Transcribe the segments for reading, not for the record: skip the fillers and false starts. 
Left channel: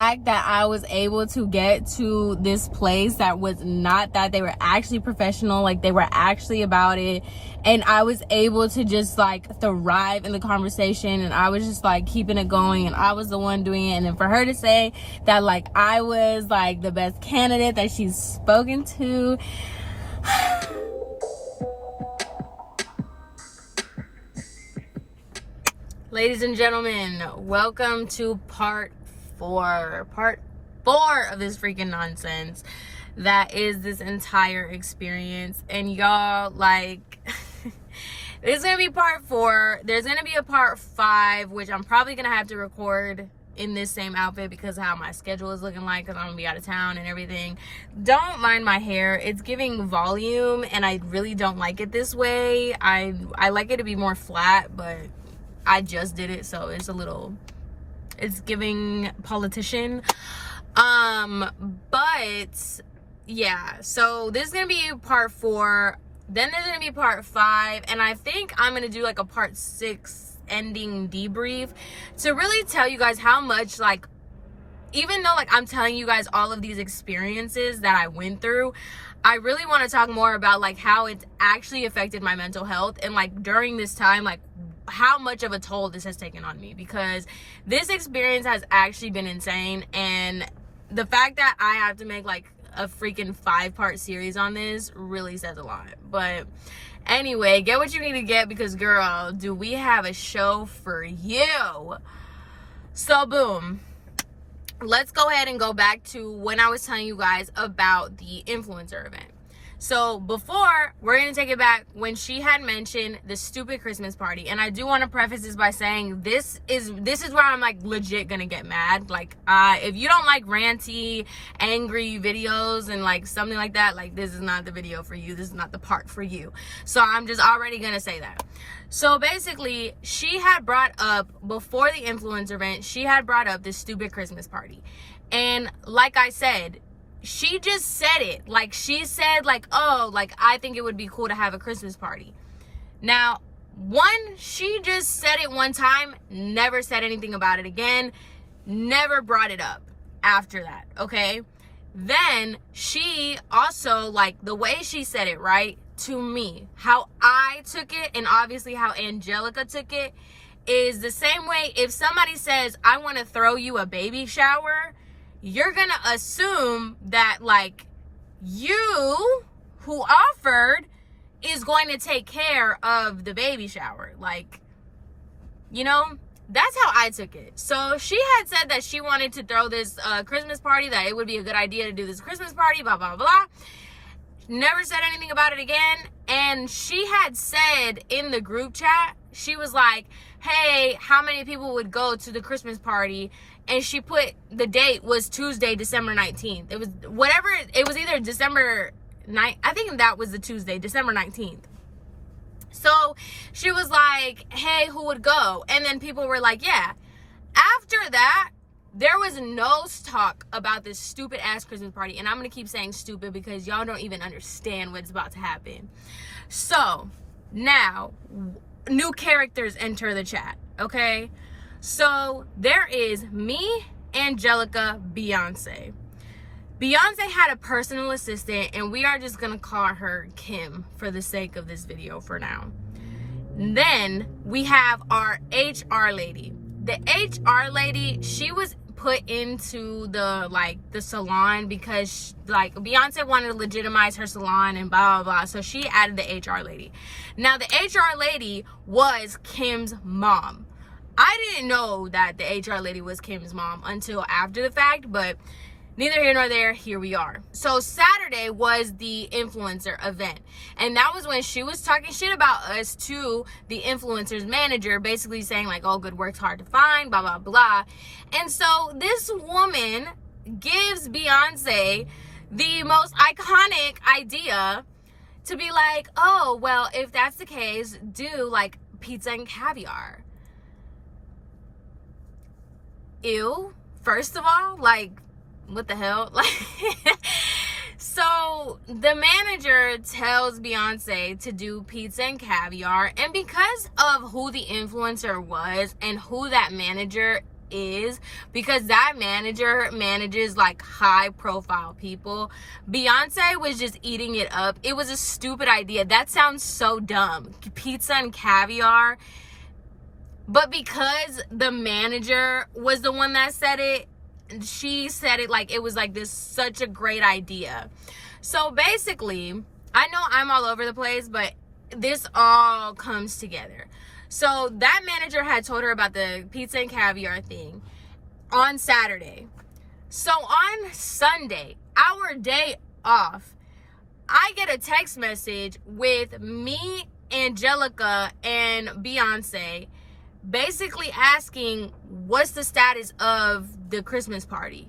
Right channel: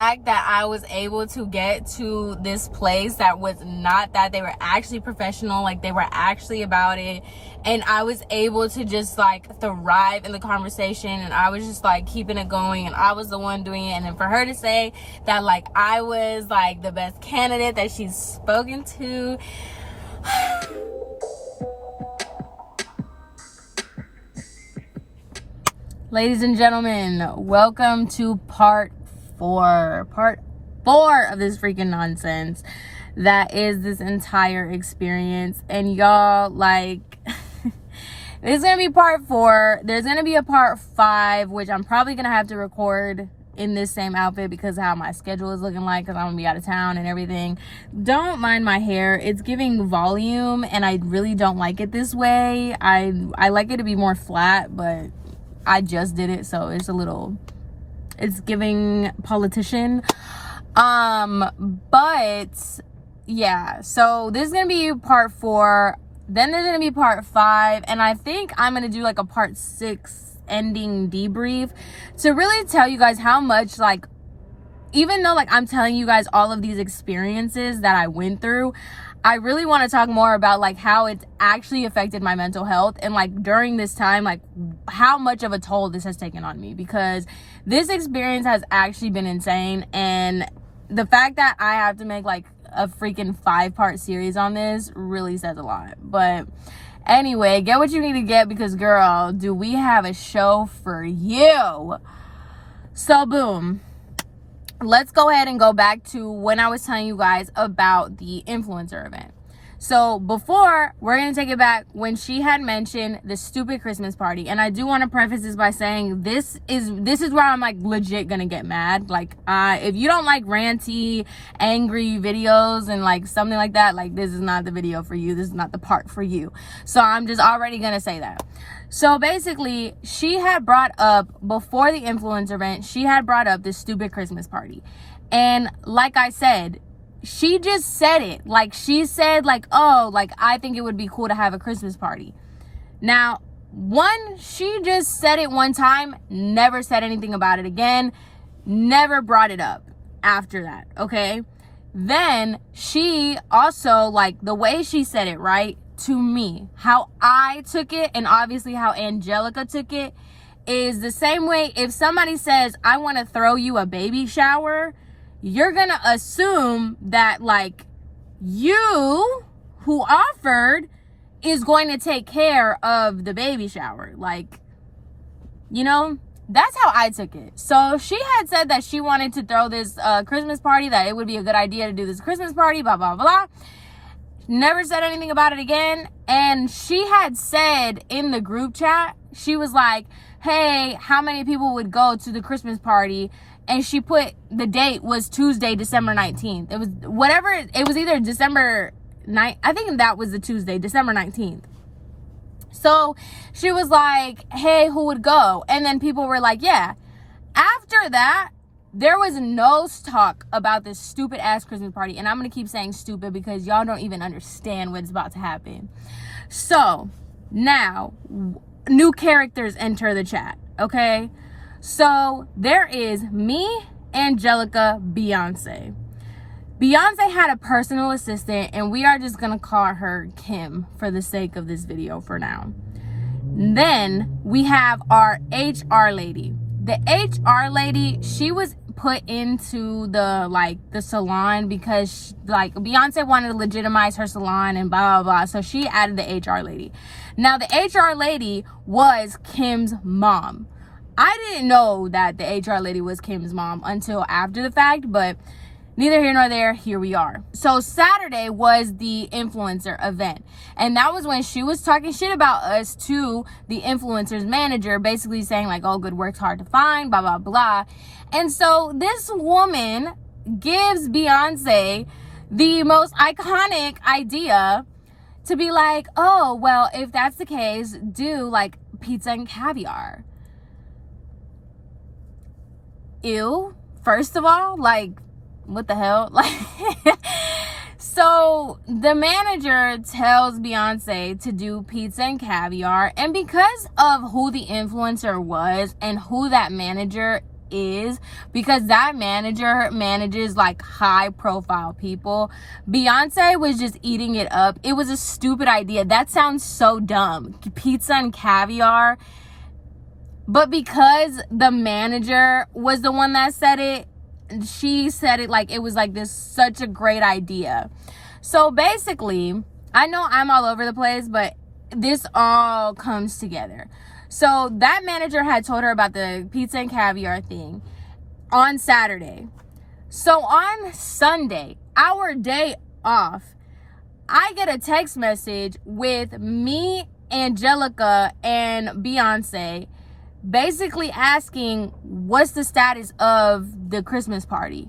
fact that I was able to get to this place that was not that, they were actually professional, like they were actually about it, and I was able to just like thrive in the conversation, and I was just like keeping it going, and I was the one doing it. And then for her to say that like I was like the best candidate that she's spoken to, ladies and gentlemen, welcome to part four of this freaking nonsense that is this entire experience. And y'all, like, this is gonna be part four. There's gonna be a part five, which I'm probably gonna have to record in this same outfit because of how my schedule is looking like, because I'm gonna be out of town and everything. Don't mind my hair, it's giving volume, and I really don't like it this way. I like it to be more flat, but I just did it, so it's giving politician. But yeah, so this is gonna be part four, then there's gonna be part five, and I think I'm gonna do like a part six ending debrief to really tell you guys how much, like, even though like I'm telling you guys all of these experiences that I went through, I really want to talk more about like how it's actually affected my mental health, and like during this time, like how much of a toll this has taken on me, because this experience has actually been insane. And the fact that I have to make like a freaking 5-part series on this really says a lot. But anyway, get what you need to get, because girl, do we have a show for you. So boom, let's go ahead and go back to when I was telling you guys about the influencer event. So before, we're going to take it back when she had mentioned the stupid Christmas party. And I do want to preface this by saying this is where I'm like legit going to get mad. Like, if you don't like ranty, angry videos and like something like that, like this is not the video for you. This is not the part for you. So I'm just already going to say that. So basically, she had brought up, before the influencer event, she had brought up this stupid Christmas party. And like I said, she just said it. Like, she said, like, oh, like, I think it would be cool to have a Christmas party. Now, one, she just said it one time, never said anything about it again, never brought it up after that, okay? Then she also, like, the way she said it, right, to me, how I took it, and obviously how Angelica took it, is the same way if somebody says, I want to throw you a baby shower, you're gonna assume that like you who offered is going to take care of the baby shower. Like, you know, that's how I took it. So she had said that she wanted to throw this Christmas party, that it would be a good idea to do this Christmas party, blah blah blah. Never said anything about it again. And she had said in the group chat, she was like, hey, how many people would go to the Christmas party? And she put the date was Tuesday, December 19th. It was whatever, it was either December 9th, I think that was the Tuesday, December 19th. So she was like, hey, who would go? And then people were like, yeah. After that, there was no talk about this stupid ass Christmas party. And I'm going to keep saying stupid because y'all don't even understand what's about to happen. So now, new characters enter the chat, okay? So there is me, Angelica, Beyonce. Beyonce had a personal assistant, and we are just going to call her Kim for the sake of this video for now. Then we have our HR lady. The HR lady, she was put into the salon because like Beyonce wanted to legitimize her salon and blah blah blah, so she added the HR lady. Now the HR lady was Kim's mom. I didn't know that the HR lady was Kim's mom until after the fact, but neither here nor there, here we are. So Saturday was the influencer event, and that was when she was talking shit about us to the influencer's manager, basically saying like, oh, good work's hard to find, blah blah blah. And so this woman gives Beyonce the most iconic idea to be like, oh, well, if that's the case, do like pizza and caviar. Ew. First of all, like, what the hell? Like, so the manager tells Beyonce to do pizza and caviar, and because of who the influencer was and who that manager is, because that manager manages like high profile people. Beyonce was just eating it up. It was a stupid idea. That sounds so dumb. Pizza and caviar. But because the manager was the one that said it, she said it like it was like this such a great idea. So basically, I know I'm all over the place, but this all comes together. So that manager had told her about the pizza and caviar thing on Saturday. So on Sunday, our day off, I get a text message with me, Angelica, and Beyonce basically asking what's the status of the Christmas party.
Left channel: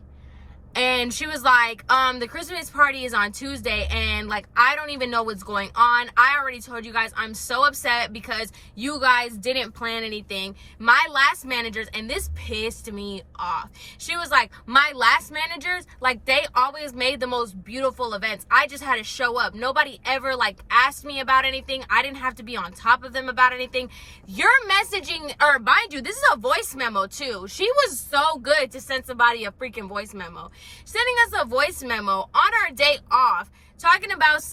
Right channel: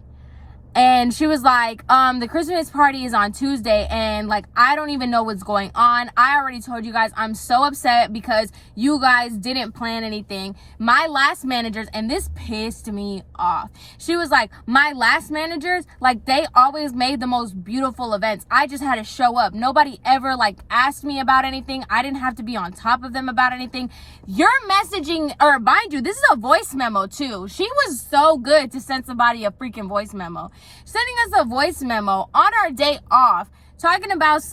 And she was like, the Christmas party is on Tuesday, and like, I don't even know what's going on. I already told you guys, I'm so upset because you guys didn't plan anything. My last managers, and this pissed me off. She was like, my last managers, like, they always made the most beautiful events. I just had to show up. Nobody ever like asked me about anything. I didn't have to be on top of them about anything. You're messaging, or mind you, this is a voice memo too. She was so good to send somebody a freaking voice memo. Sending us a voice memo on our day off, talking about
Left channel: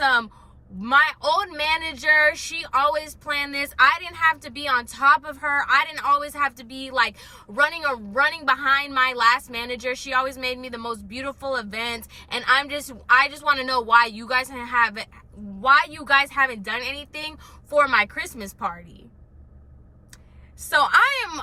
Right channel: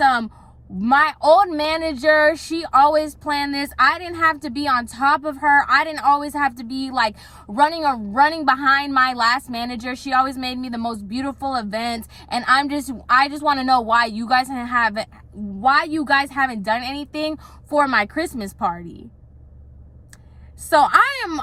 my old manager, she always planned this. I didn't have to be on top of her. I didn't always have to be like running behind my last manager. She always made me the most beautiful events. And I just want to know why you guys haven't done anything for my Christmas party. So I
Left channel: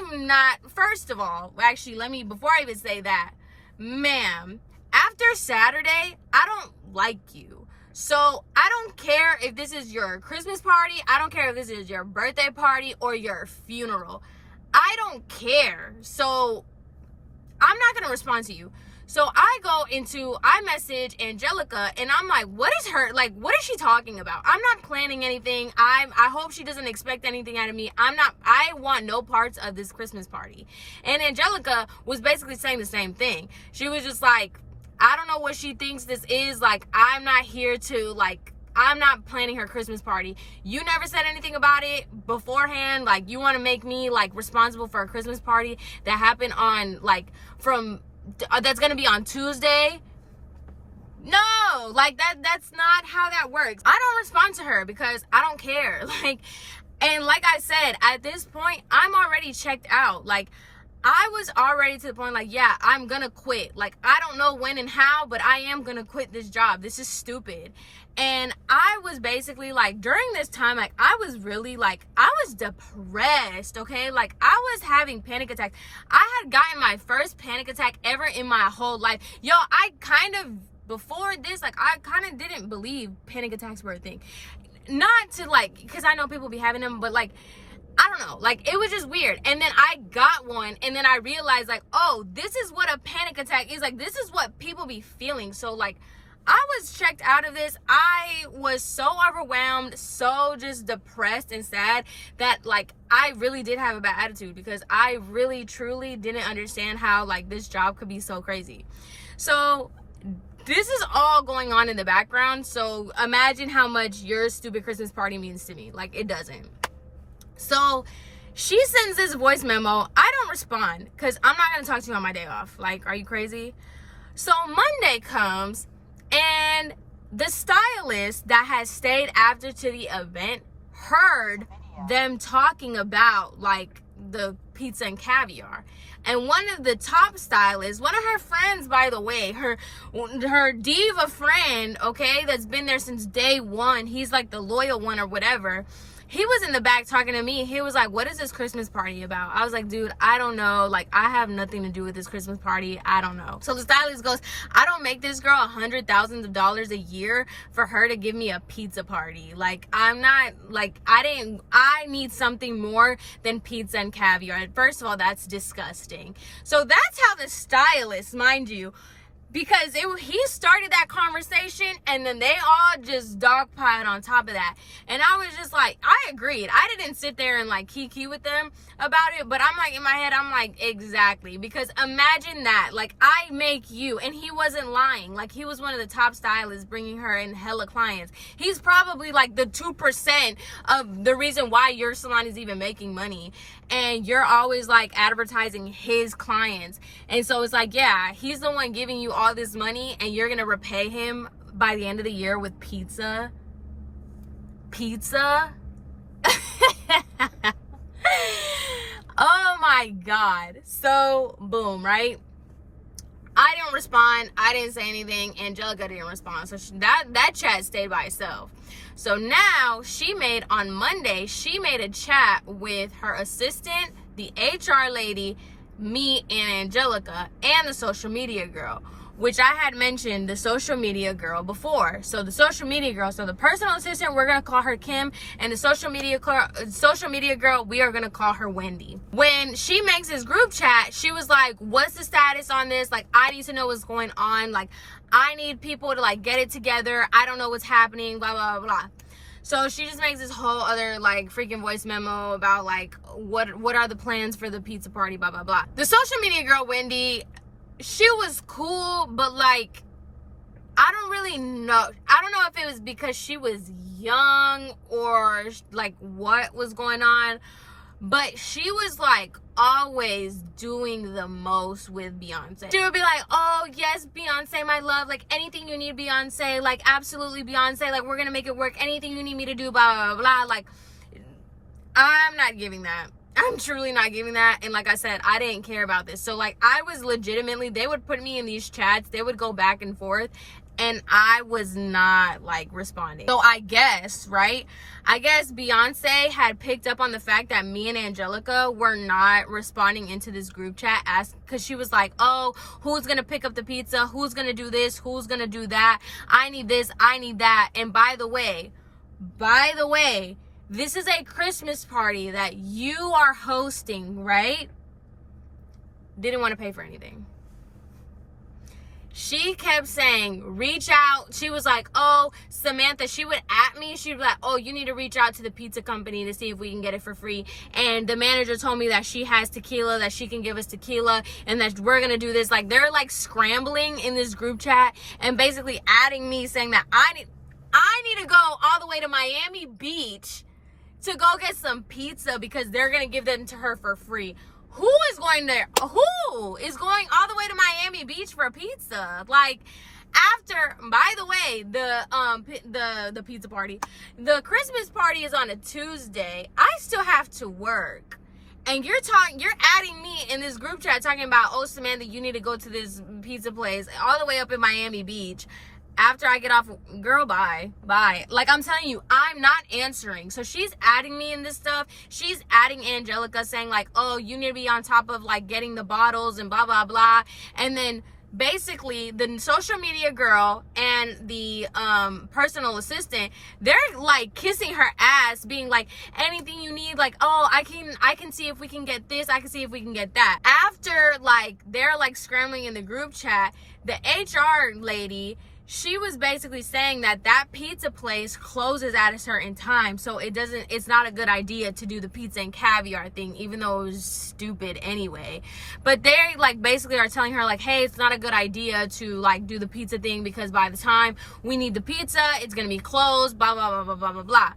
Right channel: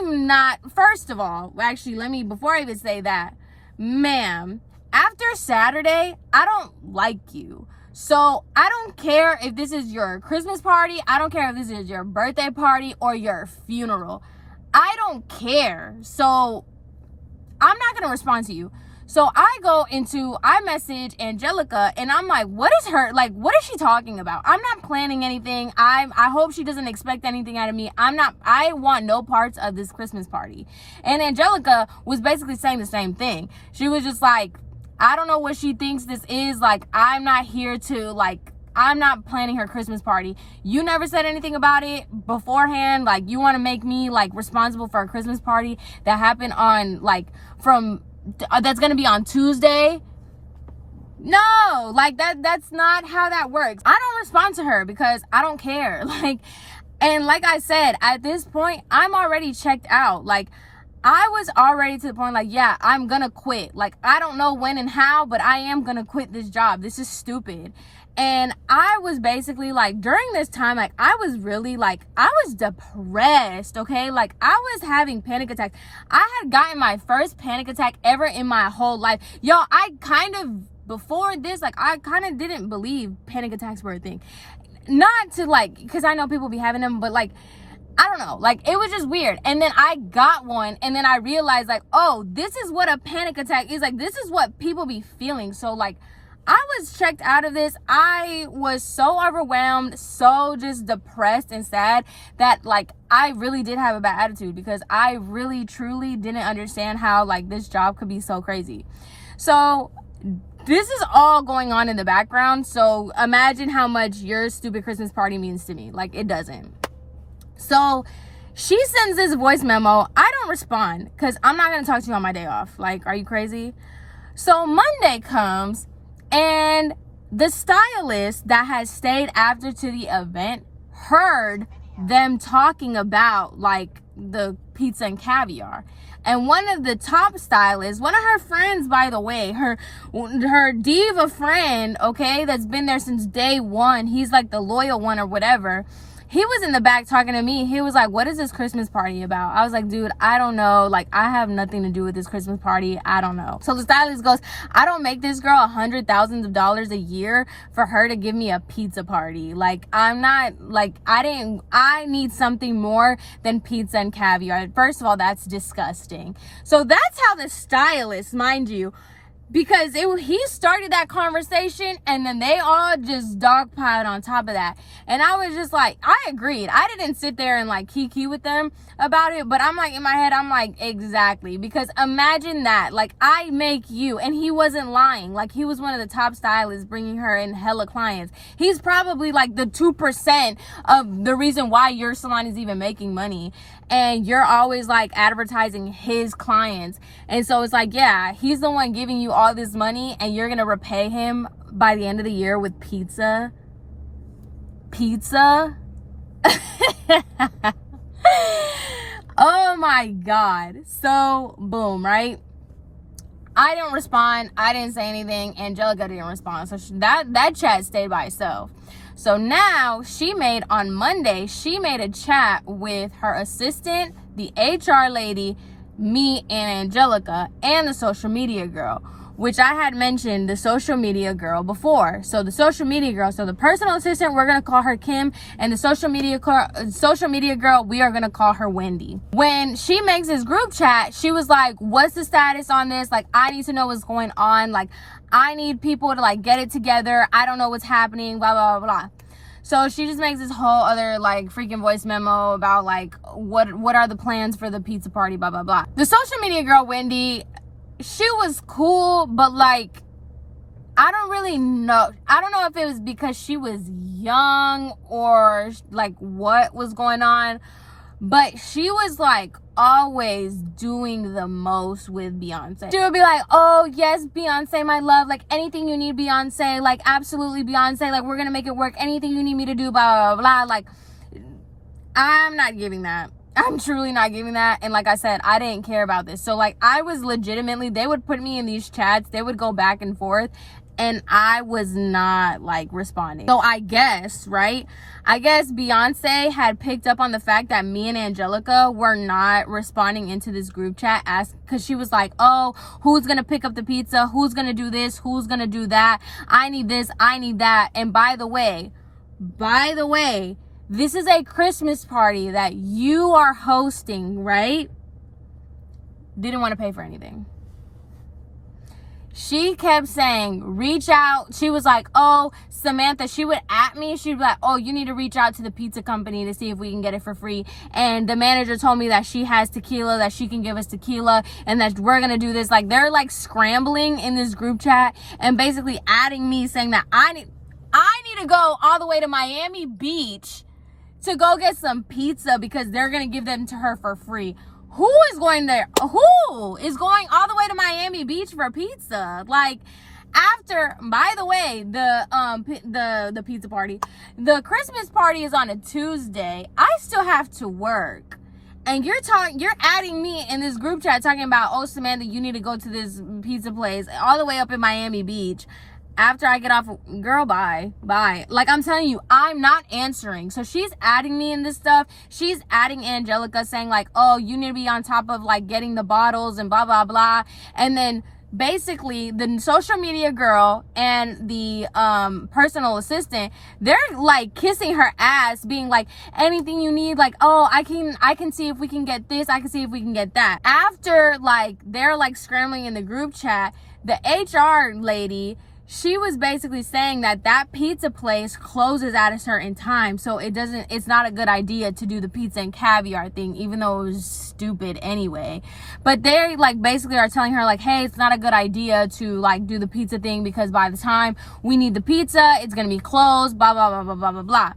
am not, first of all, actually, before I even say that, ma'am, after Saturday, I don't like you. So I don't care if this is your Christmas party. I don't care if this is your birthday party or your funeral. I don't care. So I'm not going to respond to you. So I message Angelica, and I'm like, what is she talking about? I'm not planning anything. I hope she doesn't expect anything out of me. I want no parts of this Christmas party. And Angelica was basically saying the same thing. She was just like, I don't know what she thinks this is. Like, I'm not here to, like, I'm not planning her Christmas party. You never said anything about it beforehand. Like, you want to make me, like, responsible for a Christmas party that happened on, like, that's gonna be on Tuesday. No, like that's not how that works. I don't respond to her because I don't care. And like I said, at this point, I'm already checked out. Like, I was already to the point, like, yeah, I'm gonna quit. Like, I don't know when and how, but I am gonna quit this job. This is stupid. And I was basically like, during this time, like, I was really like, I was depressed, okay? Like, I was having panic attacks. I had gotten my first panic attack ever in my whole life. Yo, before this, like, I kind of didn't believe panic attacks were a thing. Not to, like, because I know people be having them, but, like, I don't know. Like, it was just weird. And then I got one, and then I realized, like, oh, this is what a panic attack is. Like, this is what people be feeling. So, like, I was checked out of this. I was so overwhelmed, so just depressed and sad that, like, I really did have a bad attitude because I really, truly didn't understand how, like, this job could be so crazy. So this is all going on in the background. So imagine how much your stupid Christmas party means to me. Like, it doesn't. So she sends this voice memo. I don't respond because I'm not going to talk to you on my day off. Like, are you crazy? So Monday comes, and the stylist that has stayed after to the event heard them talking about, like, the pizza and caviar. And one of the top stylists, one of her friends, by the way, her diva friend, okay, that's been there since day one, he's like the loyal one or whatever, he was in the back talking to me. He was like, what is this Christmas party about? I was like, dude, I don't know. Like, I have nothing to do with this Christmas party. I don't know. So the stylist goes, I don't make this girl $100,000 a year for her to give me a pizza party. Like, I'm not, like, I need something more than pizza and caviar. First of all, that's disgusting. So that's how the stylist, mind you, because he started that conversation, and then they all just dogpiled on top of that. And I was just like, I agreed. I didn't sit there and like kiki with them. about it, but I'm like, in my head, I'm like, exactly. Because imagine that, like, I make you, and he wasn't lying. Like, he was one of the top stylists bringing her in hella clients. He's probably like the 2% of the reason why your salon is even making money. And you're always like advertising his clients. And so it's like, yeah, he's the one giving you all this money, and you're gonna repay him by the end of the year with pizza. Oh my God. So boom, right? I didn't respond. I didn't say anything. Angelica didn't respond. So that chat stayed by itself. So now on Monday, she made a chat with her assistant, the HR lady, me and Angelica, and the social media girl, which I had mentioned the social media girl before. So the social media girl, so the personal assistant, we're going to call her Kim, and the social media girl, we are going to call her Wendy. When she makes this group chat, she was like, what's the status on this? Like, I need to know what's going on. Like, I need people to like get it together. I don't know what's happening, blah, blah, blah, blah. So she just makes this whole other like freaking voice memo about like, what are the plans for the pizza party, blah, blah, blah. The social media girl, Wendy, she was cool, but like, I don't really know. I don't know if it was because she was young or like what was going on, but she was like always doing the most with Beyonce. She would be like, oh yes, Beyonce, my love, like anything you need, Beyonce, like absolutely Beyonce, like we're gonna make it work, anything you need me to do, blah, blah, blah. Like, I'm not giving that. I'm truly not giving that. And like I said, I didn't care about this. So like, I was legitimately, they would put me in these chats, they would go back and forth, and I was not like responding. So I guess, right? I guess Beyonce had picked up on the fact that me and Angelica were not responding into this group chat, because she was like, oh, who's gonna pick up the pizza? Who's gonna do this? Who's gonna do that? I need this, I need that. And by the way, this is a Christmas party that you are hosting, right? Didn't want to pay for anything. She kept saying, reach out. She was like, oh, Samantha, she would at me. She'd be like, oh, you need to reach out to the pizza company to see if we can get it for free. And the manager told me that she has tequila, that she can give us tequila, and that we're going to do this. Like, they're like scrambling in this group chat and basically adding me, saying that I need to go all the way to Miami Beach to go get some pizza because they're going to give them to her for free. Who is going there? Who is going all the way to Miami Beach for pizza? Like, after, by the way, the pizza party, the Christmas party is on a Tuesday. I still have to work. And you're adding me in this group chat talking about, oh, Samantha, you need to go to this pizza place all the way up in Miami Beach. After I get off, girl, bye. Like, I'm telling you, I'm not answering. So she's adding me in this stuff. She's adding Angelica, saying like, oh, you need to be on top of like getting the bottles and blah, blah, blah. And then basically the social media girl and the personal assistant, they're like kissing her ass, being like, anything you need, like, oh, I can see if we can get this, I can see if we can get that. After like they're like scrambling in the group chat, the HR lady, she was basically saying that pizza place closes at a certain time, so it's not a good idea to do the pizza and caviar thing, even though it was stupid anyway. But they like basically are telling her like, hey, it's not a good idea to like do the pizza thing because by the time we need the pizza, it's gonna be closed, blah, blah, blah, blah, blah, blah, blah.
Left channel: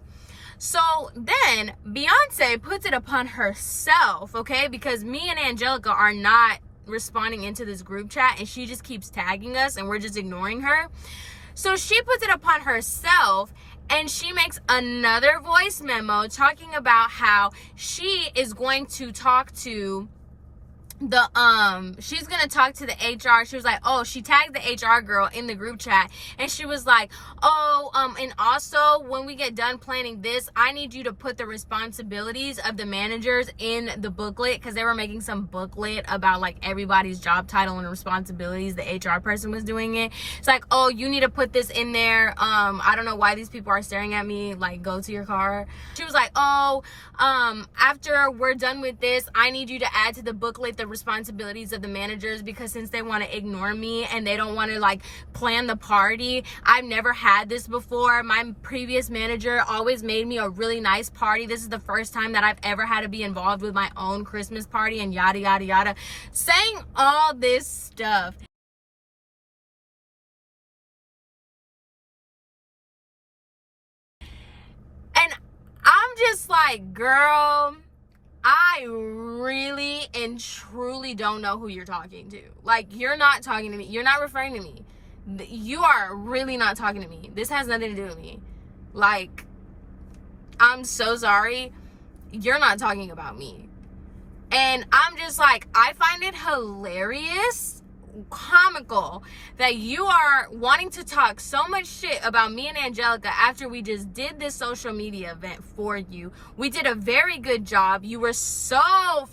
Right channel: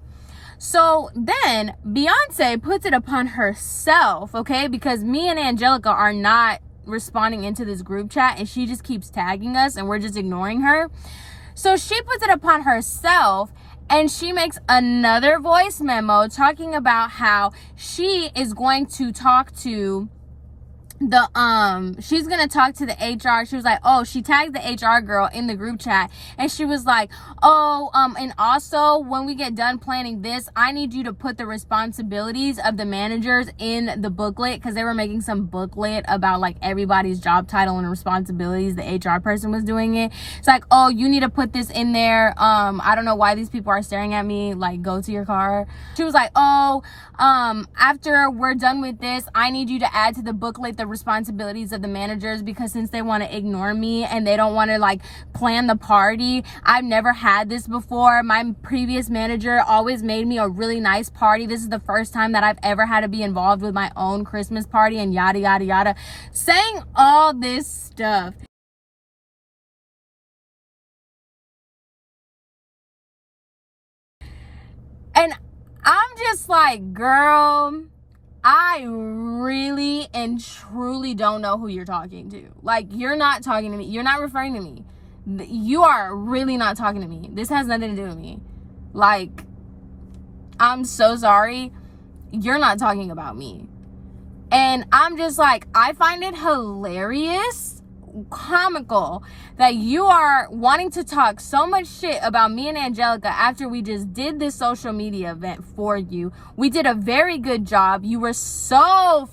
So then Beyonce puts it upon herself, okay, because me and Angelica are not responding into this group chat, and she just keeps tagging us and we're just ignoring her. So she puts it upon herself, and she makes another voice memo talking about how she is going to talk to she's gonna talk to the HR. She was like, oh, she tagged the HR girl in the group chat, and she was like, oh, and also when we get done planning this, I need you to put the responsibilities of the managers in the booklet, because they were making some booklet about like everybody's job title and responsibilities. The HR person was doing it. It's like, oh, you need to put this in there. I don't know why these people are staring at me, like, go to your car. She was like, oh, after we're done with this, I need you to add to the booklet the the responsibilities of the managers, because since they want to ignore me and they don't want to like plan the party. I've never had this before. My previous manager always made me a really nice party. This is the first time that I've ever had to be involved with my own Christmas party, and yada yada yada, saying all this stuff. And I'm just like, girl, I really and truly don't know who you're talking to. Like, you're not talking to me. You're not referring to me. You are really not talking to me. This has nothing to do with me. Like, I'm so sorry. You're not talking about me. And I'm just like, I find it hilarious, comical, that you are wanting to talk so much shit about me and Angelica after we just did this social media event for you. We did a very good job. You were so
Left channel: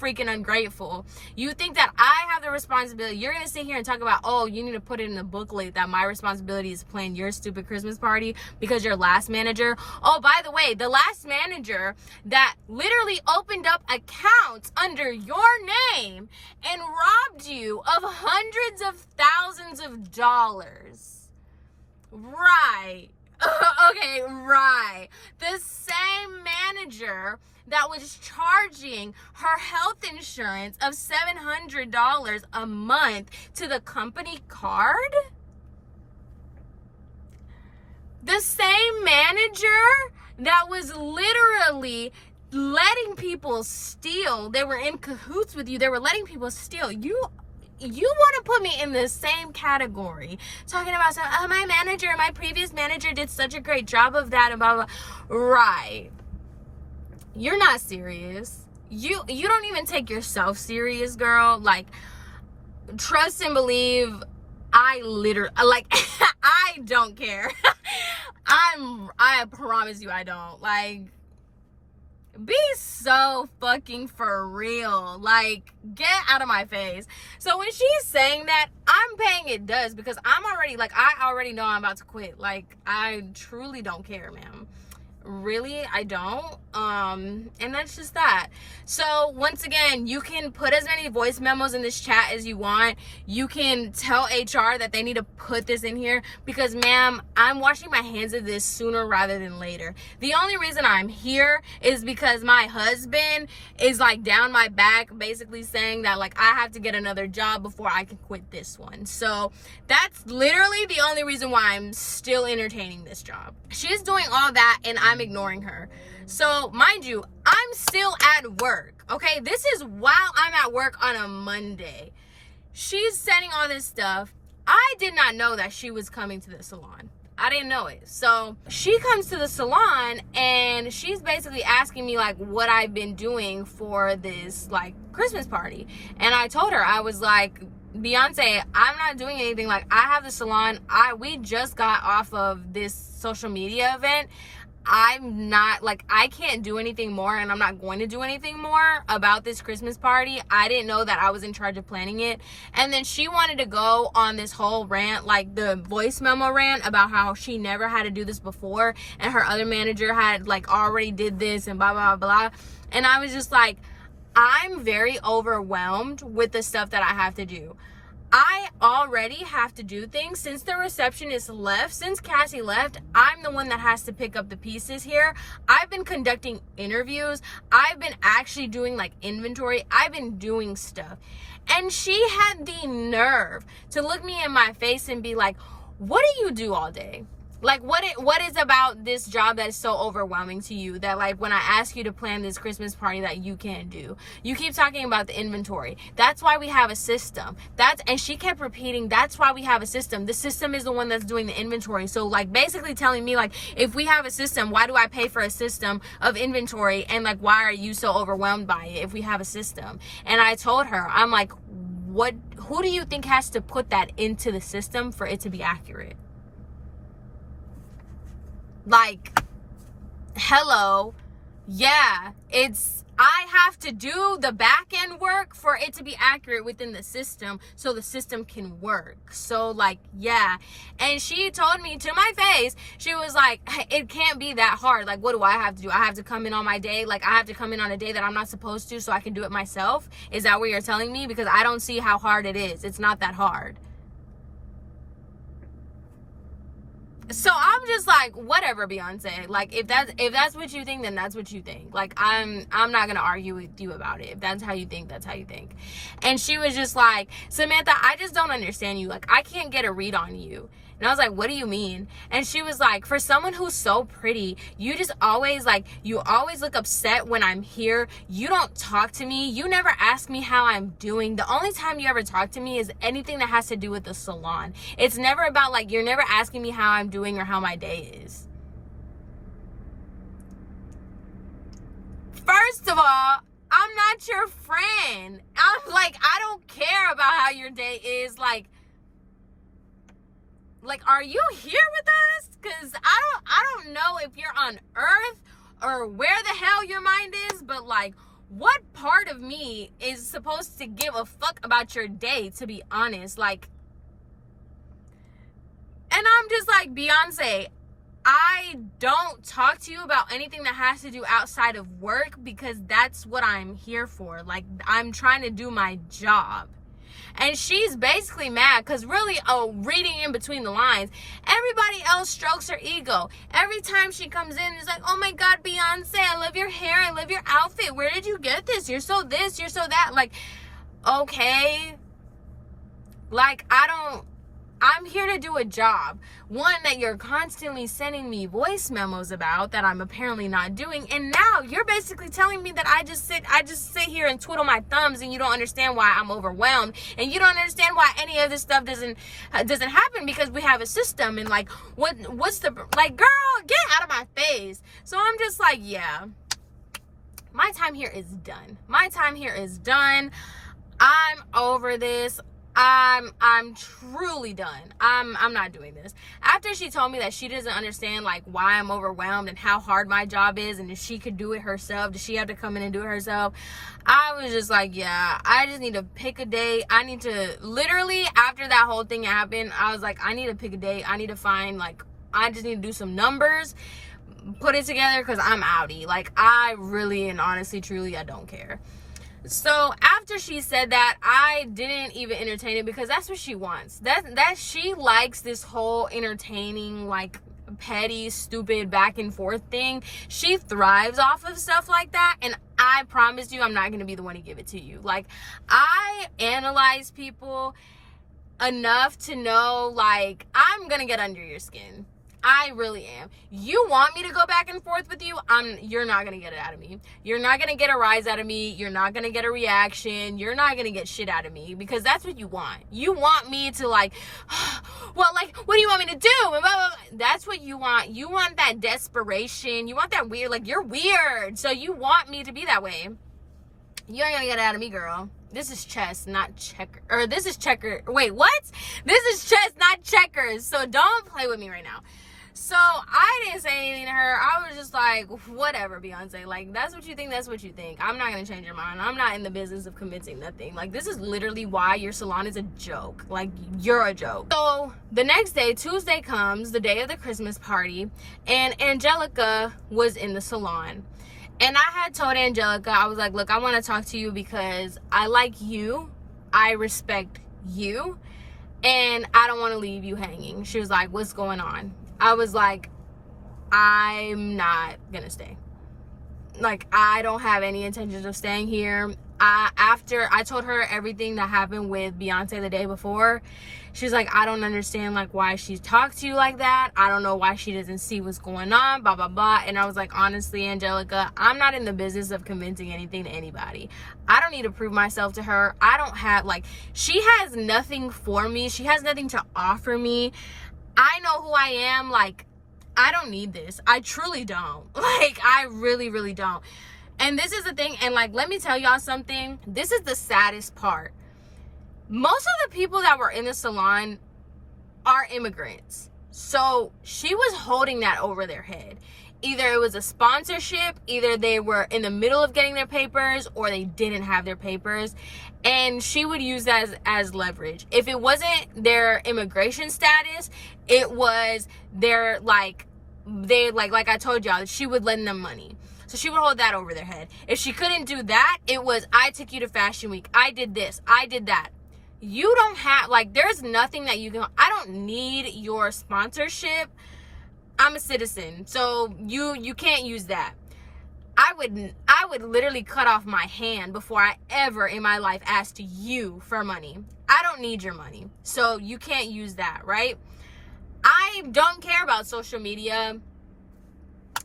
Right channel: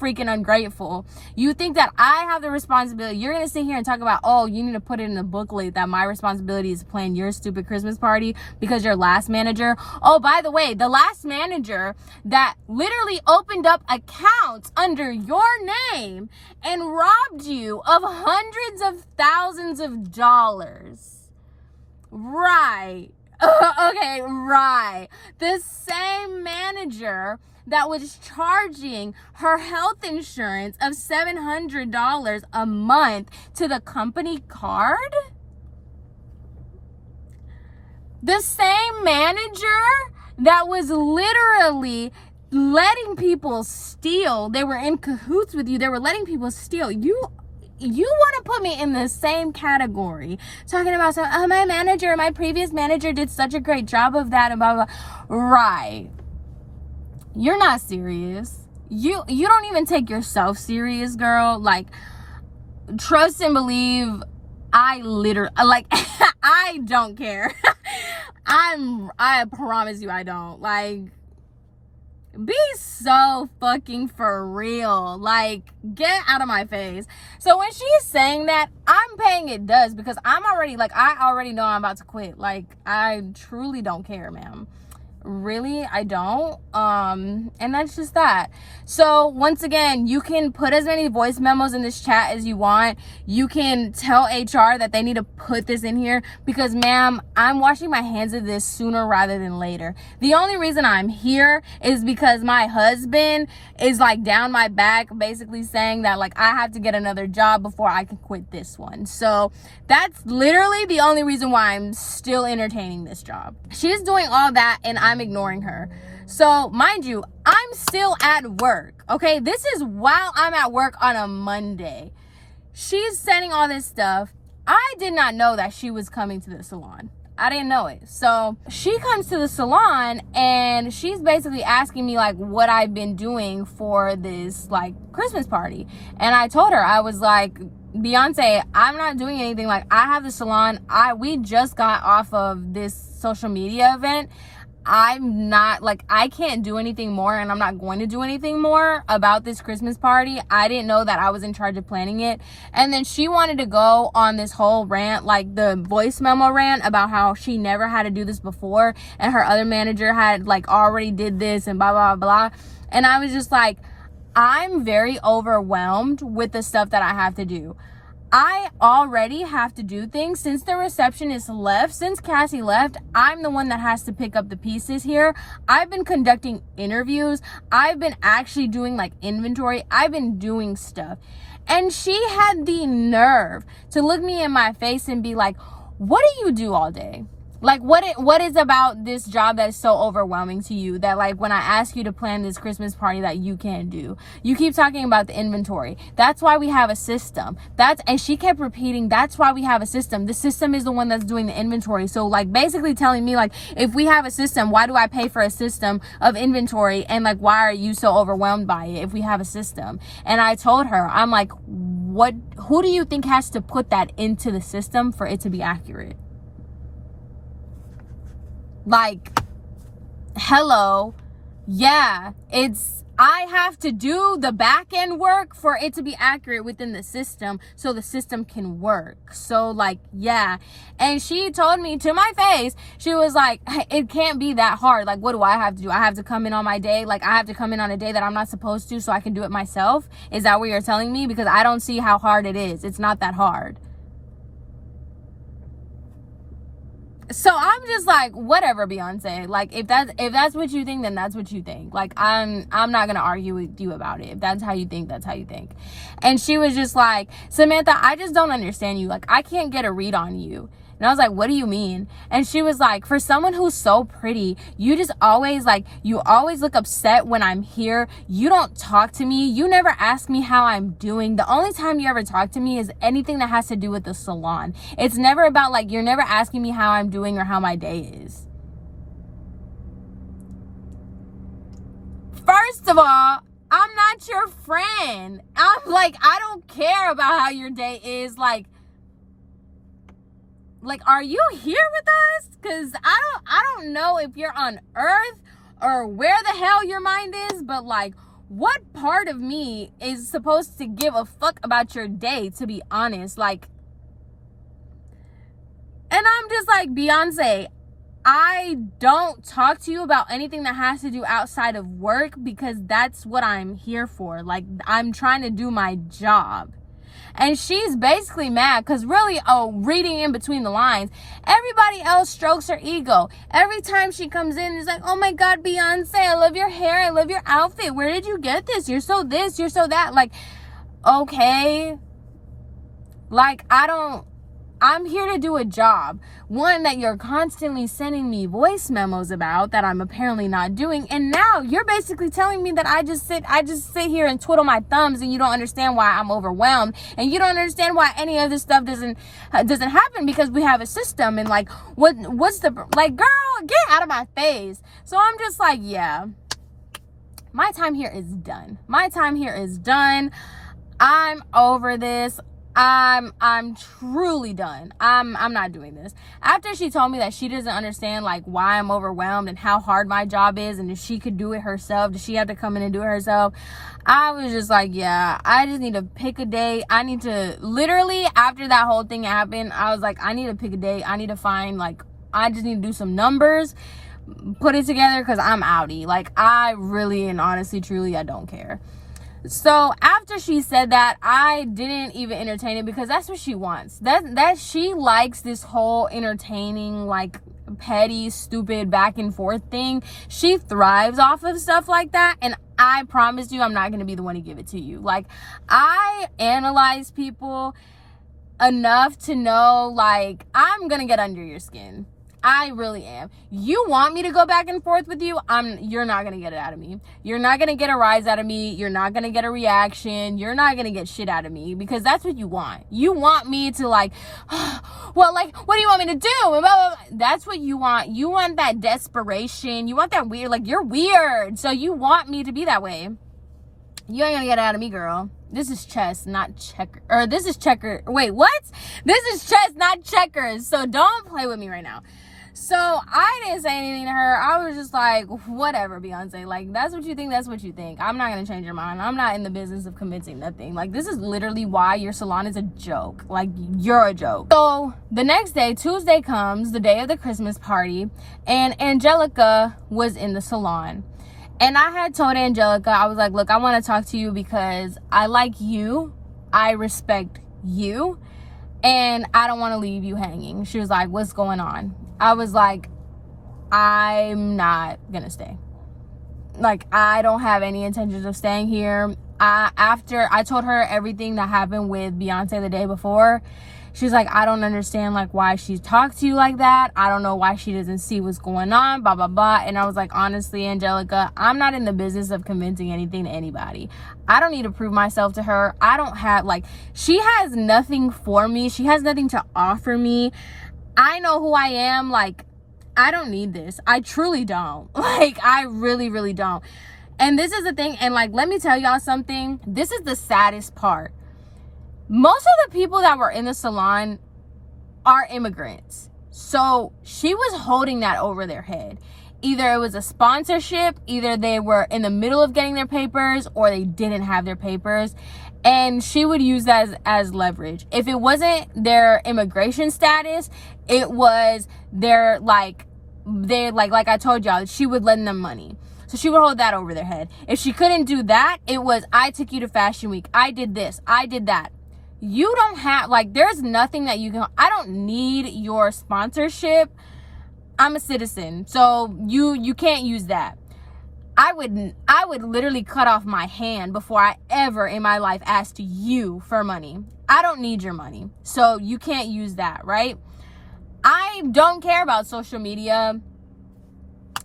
freaking ungrateful. You think that I have the responsibility. You're gonna sit here and talk about, oh, you need to put it in the booklet that my responsibility is to plan your stupid Christmas party because your last manager. Oh, by the way, the last manager that literally opened up accounts under your name and robbed you of hundreds of thousands of dollars. Right. Okay, right. The same manager that was charging her health insurance of $700 a month to the company card. The same manager that was literally letting people steal. They were in cahoots with you. They were letting people steal. You want to put me in the same category, talking about my previous manager did such a great job of that and blah blah. Right. You're not serious. You don't even take yourself serious, girl. Like, trust and believe, I literally, like, I don't care. I promise you I don't. Like, be so fucking for real. Like, get out of my face. So when she's saying that, I'm paying it does, because I'm already, like, I already know I'm about to quit. Like, I truly don't care, ma'am. Really, I don't. And that's just that. So once again, you can put as many voice memos in this chat as you want. You can tell HR that they need to put this in here, because ma'am, I'm washing my hands of this sooner rather than later. The only reason I'm here is because my husband is like down my back, basically saying that like I have to get another job before I can quit this one. So that's literally the only reason why I'm still entertaining this job. She's doing all that and I'm ignoring her. So mind you, I'm still at work, okay? This is while I'm at work on a Monday. She's sending all this stuff. I did not know that she was coming to the salon. I didn't know it. So she comes to the salon and she's basically asking me like what I've been doing for this like Christmas party. And I told her, I was like, Beyonce, I'm not doing anything. Like, I have the salon. We just got off of this social media event. I'm not, like, I can't do anything more, and I'm not going to do anything more about this Christmas party. I didn't know that I was in charge of planning it. And then she wanted to go on this whole rant, like the voice memo rant, about how she never had to do this before and her other manager had like already did this and blah blah blah. And I was just like, I'm very overwhelmed with the stuff that I have to do. I already have to do things. Since the receptionist left, since Cassie left, I'm the one that has to pick up the pieces here. I've been conducting interviews. I've been actually doing like inventory. I've been doing stuff. And she had the nerve to look me in my face and be like, what do you do all day? Like, what is about this job that is so overwhelming to you that, like, when I ask you to plan this Christmas party that you can't do? You keep talking about the inventory. That's why we have a system. And she kept repeating, that's why we have a system. The system is the one that's doing the inventory. So, like, basically telling me, like, if we have a system, why do I pay for a system of inventory? And, like, why are you so overwhelmed by it if we have a system? And I told her, I'm like, who do you think has to put that into the system for it to be accurate? Like, hello. Yeah, it's I have to do the back end work for it to be accurate within the system so the system can work. So like, yeah. And she told me to my face, she was like, it can't be that hard. Like, what do I have to do? I have to come in on my day. Like, I have to come in on a day that I'm not supposed to so I can do it myself. Is that what you're telling me? Because I don't see how hard it is. It's not that hard. So I'm just like, whatever, Beyonce. Like, if that's what you think, then that's what you think. Like, I'm not gonna argue with you about it. If that's how you think, that's how you think. And she was just like, Samantha, I just don't understand you. Like, I can't get a read on you. And I was like, what do you mean? And she was like, for someone who's so pretty, you just always like, you always look upset when I'm here. You don't talk to me. You never ask me how I'm doing. The only time you ever talk to me is anything that has to do with the salon. It's never about like, you're never asking me how I'm doing or how my day is. First of all, I'm not your friend. I'm like, I don't care about how your day is. Like, are you here with us? Because I don't know if you're on Earth or where the hell your mind is, but like, what part of me is supposed to give a fuck about your day, to be honest? Like, and I'm just like, Beyonce, I don't talk to you about anything that has to do outside of work because that's what I'm here for. Like, I'm trying to do my job. And she's basically mad because really, reading in between the lines, everybody else strokes her ego. Every time she comes in, it's like, oh my God, Beyonce, I love your hair. I love your outfit. Where did you get this? You're so this, you're so that. Like, okay. Like, I'm here to do a job. One that you're constantly sending me voice memos about that I'm apparently not doing. And now you're basically telling me that I just sit here and twiddle my thumbs and you don't understand why I'm overwhelmed. And you don't understand why any of this stuff doesn't happen because we have a system. And like, what's the, like, girl, get out of my face. So I'm just like, yeah, my time here is done. My time here is done. I'm over this. I'm truly done. I'm not doing this. After she told me that she doesn't understand like why I'm overwhelmed and how hard my job is and if she could do it herself, does she have to come in and do it herself? I was just like, yeah, I just need to pick a day. I need to literally, after that whole thing happened, I was like, I need to pick a day. I need to find like, I just need to do some numbers, put it together because I'm outie. Like, I really and honestly, truly, I don't care. So after she said that, I didn't even entertain it because that's what she wants. That she likes this whole entertaining, like, petty, stupid back and forth thing. She thrives off of stuff like that, and I promise you I'm not going to be the one to give it to you. Like, I analyze people enough to know, like, I'm going to get under your skin. I really am. You want me to go back and forth with you? You're not going to get it out of me. You're not going to get a rise out of me. You're not going to get a reaction. You're not going to get shit out of me because that's what you want. You want me to like, well, like, what do you want me to do? And blah, blah, blah. That's what you want. You want that desperation. You want that weird, like, you're weird. So you want me to be that way. You ain't gonna get it out of me, girl. This is chess, not checker. Or this is checker. Wait, what? This is chess, not checkers. So don't play with me right now. So I didn't say anything to her. I was just like, whatever, Beyonce. Like, that's what you think, that's what you think. I'm not going to change your mind. I'm not in the business of convincing nothing. Like, this is literally why your salon is a joke. Like, you're a joke. So the next day, Tuesday comes, the day of the Christmas party, and Angelica was in the salon. And I had told Angelica, I was like, look, I want to talk to you because I like you. I respect you. And I don't want to leave you hanging. She was like, what's going on? I was like, I'm not gonna stay. Like, I don't have any intentions of staying here. After I told her everything that happened with Beyonce the day before, she's like, I don't understand like why she talked to you like that. I don't know why she doesn't see what's going on, blah, blah, blah. And I was like, honestly, Angelica, I'm not in the business of convincing anything to anybody. I don't need to prove myself to her. I don't have, like, she has nothing for me. She has nothing to offer me. I know who I am. Like, I don't need this. I truly don't. Like, I really, really don't. And this is the thing. And like, let me tell y'all something. This is the saddest part. Most of the people that were in the salon are immigrants. So she was holding that over their head. either it was a sponsorship, either they were in the middle of getting their papers or they didn't have their papers. And she would use that as leverage. If it wasn't their immigration status, it was their, like I told y'all, she would lend them money. So she would hold that over their head. If she couldn't do that, it was, I took you to Fashion Week. I did this. I did that. You don't have, like, there's nothing that you can, I don't need your sponsorship. I'm a citizen. So you can't use that. I would literally cut off my hand before I ever in my life asked you for money. I don't need your money. So you can't use that, right? I don't care about social media.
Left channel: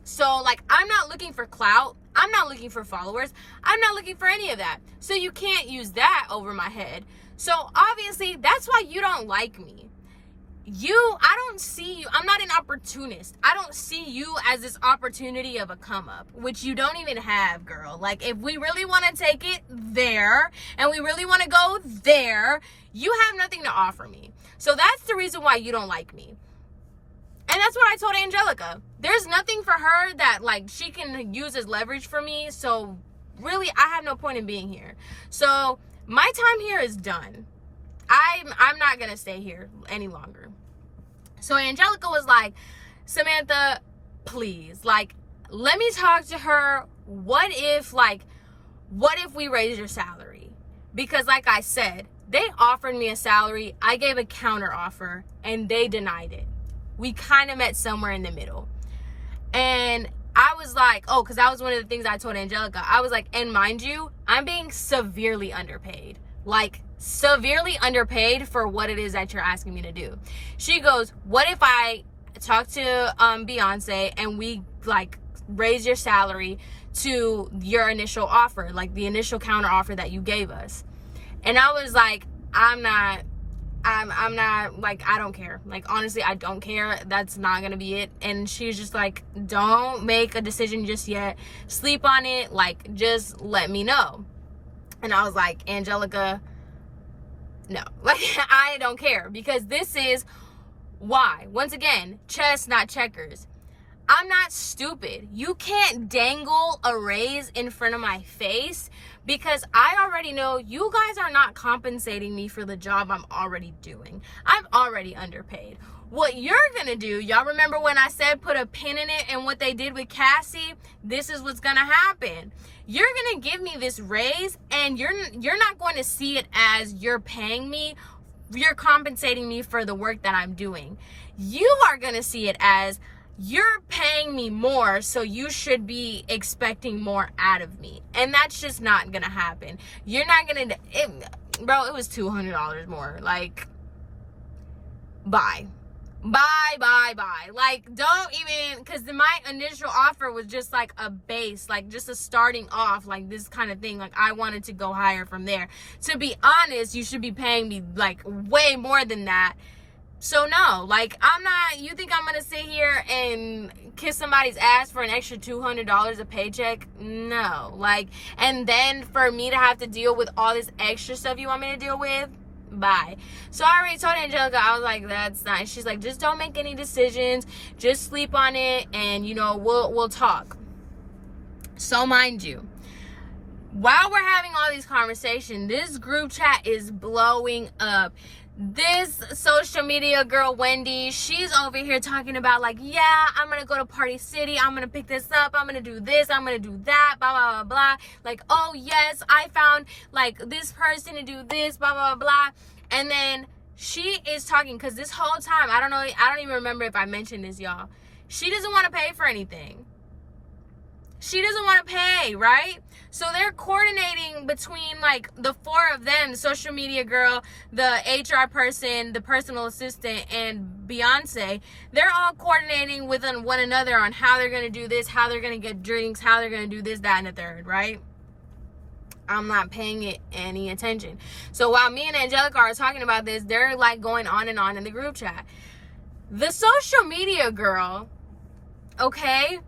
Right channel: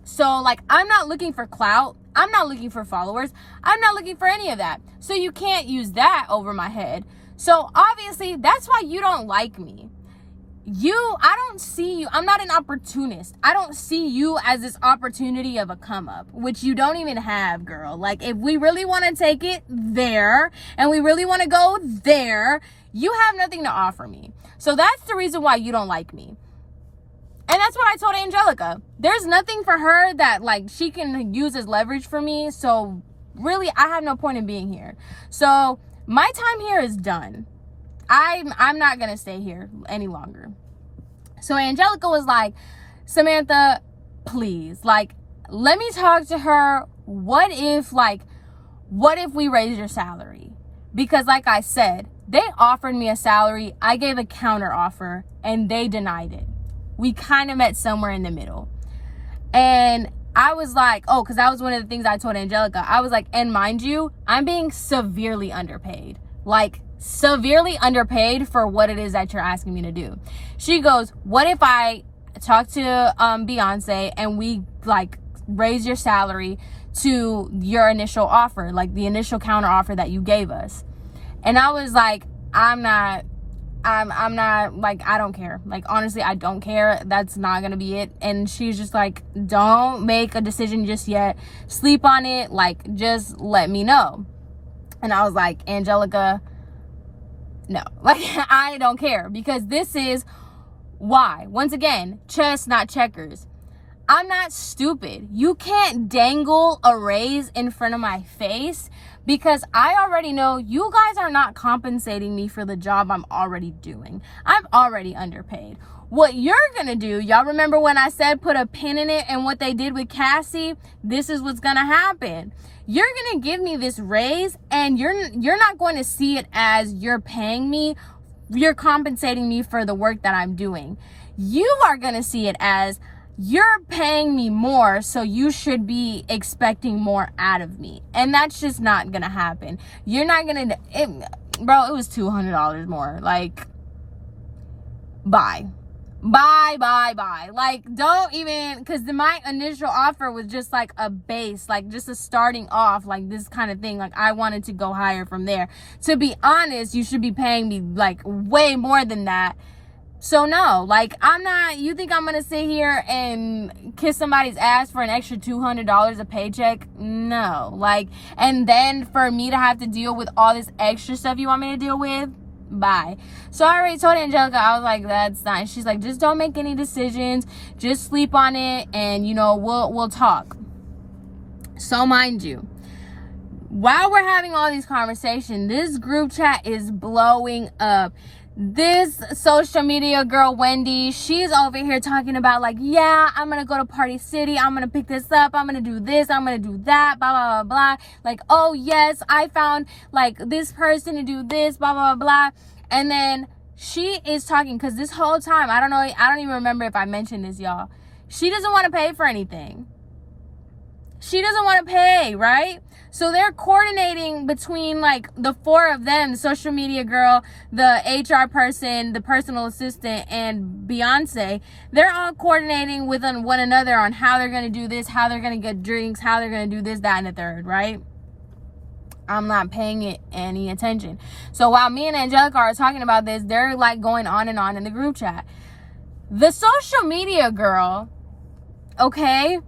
So, like, I'm not looking for clout. I'm not looking for followers. I'm not looking for any of that. So you can't use that over my head. So obviously that's why you don't like me. I don't see you. I'm not an opportunist. I don't see you as this opportunity of a come up, which you don't even have, girl. Like, if we really want to take it there and we really want to go there, you have nothing to offer me. So that's the reason why you don't like me. And that's what I told Angelica. There's nothing for her that, like, she can use as leverage for me. So really, I have no point in being here. So my time here is done. I'm not going to stay here any longer. So Angelica was like, Samantha, please, like, let me talk to her. What if we raise your salary? Because like I said, they offered me a salary. I gave a counter offer and they denied it. We kind of met somewhere in the middle. And I was like, oh, because that was one of the things I told Angelica. I was like, and mind you, I'm being severely underpaid. Like, severely underpaid for what it is that you're asking me to do. She goes, what if I talk to Beyonce and we, like, raise your salary to your initial offer, like the initial counter offer that you gave us? And I was like, I'm not, like, I don't care. Like, honestly, I don't care. That's not gonna be it. And she's just like, don't make a decision just yet. Sleep on it. Like, just let me know. And I was like, Angelica, no, like, I don't care, because this is why. Once again, chess, not checkers. I'm not stupid. You can't dangle a raise in front of my face, because I already know you guys are not compensating me for the job I'm already doing. I'm already underpaid. What you're gonna do, y'all remember when I said put a pin in it and what they did with Cassie? This is what's gonna happen. You're gonna give me this raise and you're not going to see it as you're paying me, you're compensating me for the work that I'm doing. You are gonna see it as you're paying me more, so you should be expecting more out of me. And that's just not gonna happen. You're not gonna, bro, it was $200 more. Like, bye. Like, don't even, because my initial offer was just like a base, like just a starting off, like this kind of thing. Like, I wanted to go higher from there. To be honest, you should be paying me like way more than that. So no, like, I'm not, you think I'm gonna sit here and kiss somebody's ass for an extra $200 a paycheck? No. Like, and then for me to have to deal with all this extra stuff you want me to deal with? Bye. So I already told Angelica, I was like, that's not. She's like, just don't make any decisions, just sleep on it, and you know, we'll talk. So mind you, while we're having all these conversations, this group chat is blowing up. This social media girl, Wendy, she's over here talking about, like, yeah, I'm gonna go to Party City, I'm gonna pick this up, I'm gonna do this, I'm gonna do that, blah, blah, blah, blah. Like, oh, yes, I found, like, this person to do this, blah, blah, blah, blah. And then she is talking, because this whole time, I don't even remember if I mentioned this, y'all. She doesn't want to pay for anything. She doesn't want to pay, right? So they're coordinating between, like, the four of them, the social media girl, the HR person, the personal assistant, and Beyonce. They're all coordinating with one another on how they're going to do this, how they're going to get drinks, how they're going to do this, that, and the third, right? I'm not paying it any attention. So while me and Angelica are talking about this, they're, like, going on and on in the group chat. The social media girl, okay,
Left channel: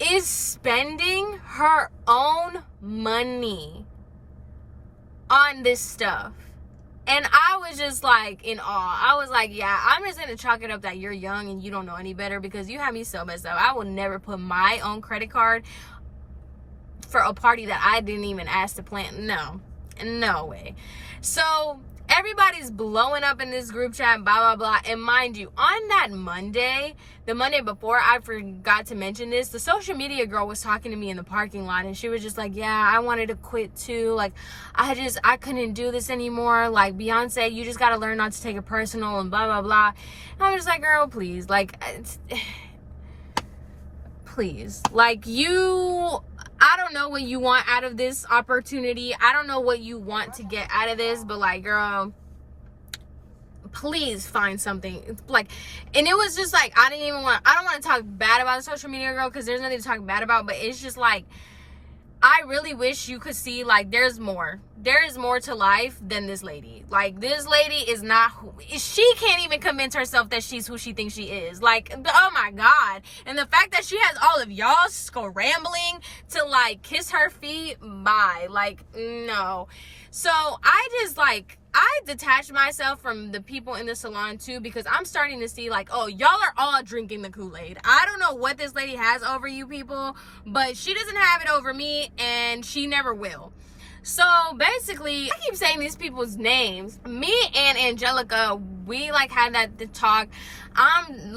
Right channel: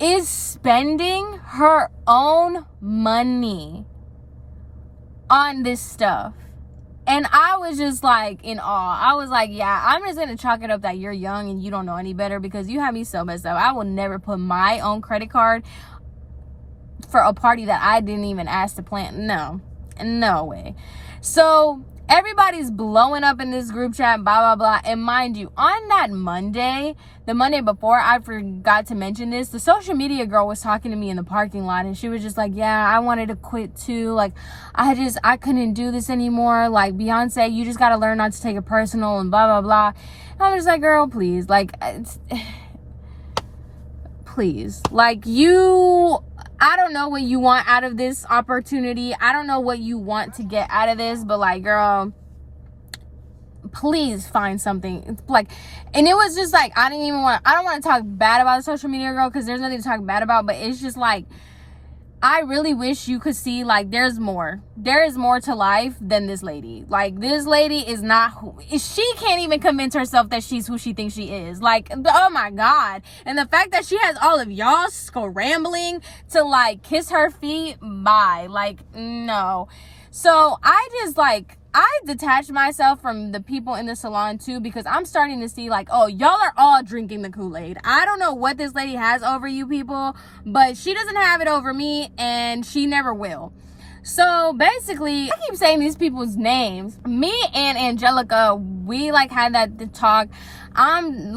is spending her own money on this stuff. And I was just like in awe. I was like, yeah, I'm just gonna chalk it up that you're young and you don't know any better, because you have me so messed up. I will never put my own credit card for a party that I didn't even ask to plan. No way. So everybody's blowing up in this group chat, blah blah blah. And mind you, on that Monday, the Monday before, I forgot to mention this, the social media girl was talking to me in the parking lot, and she was just like, yeah, I wanted to quit too. Like, I couldn't do this anymore. Like, Beyonce, you just got to learn not to take it personal and blah blah blah. And I was like, girl, please, like, please, like, I don't know what you want out of this opportunity. I don't know what you want to get out of this, but like, girl, please find something. Like, and it was just like, I don't want to talk bad about the social media girl, because there's nothing to talk bad about, but it's just like, I really wish you could see, like, there is more to life than this lady. Like, this lady is not she can't even convince herself that she's who she thinks she is. Like, oh my God. And the fact that she has all of y'all scrambling to like kiss her feet, bye. Like, no. So I detached myself from the people in the salon too, because I'm starting to see like, oh, y'all are all drinking the Kool-Aid. I don't know what this lady has over you people, but she doesn't have it over me, and she never will. So basically, I keep saying these people's names. Me and Angelica, we like had that talk. I'm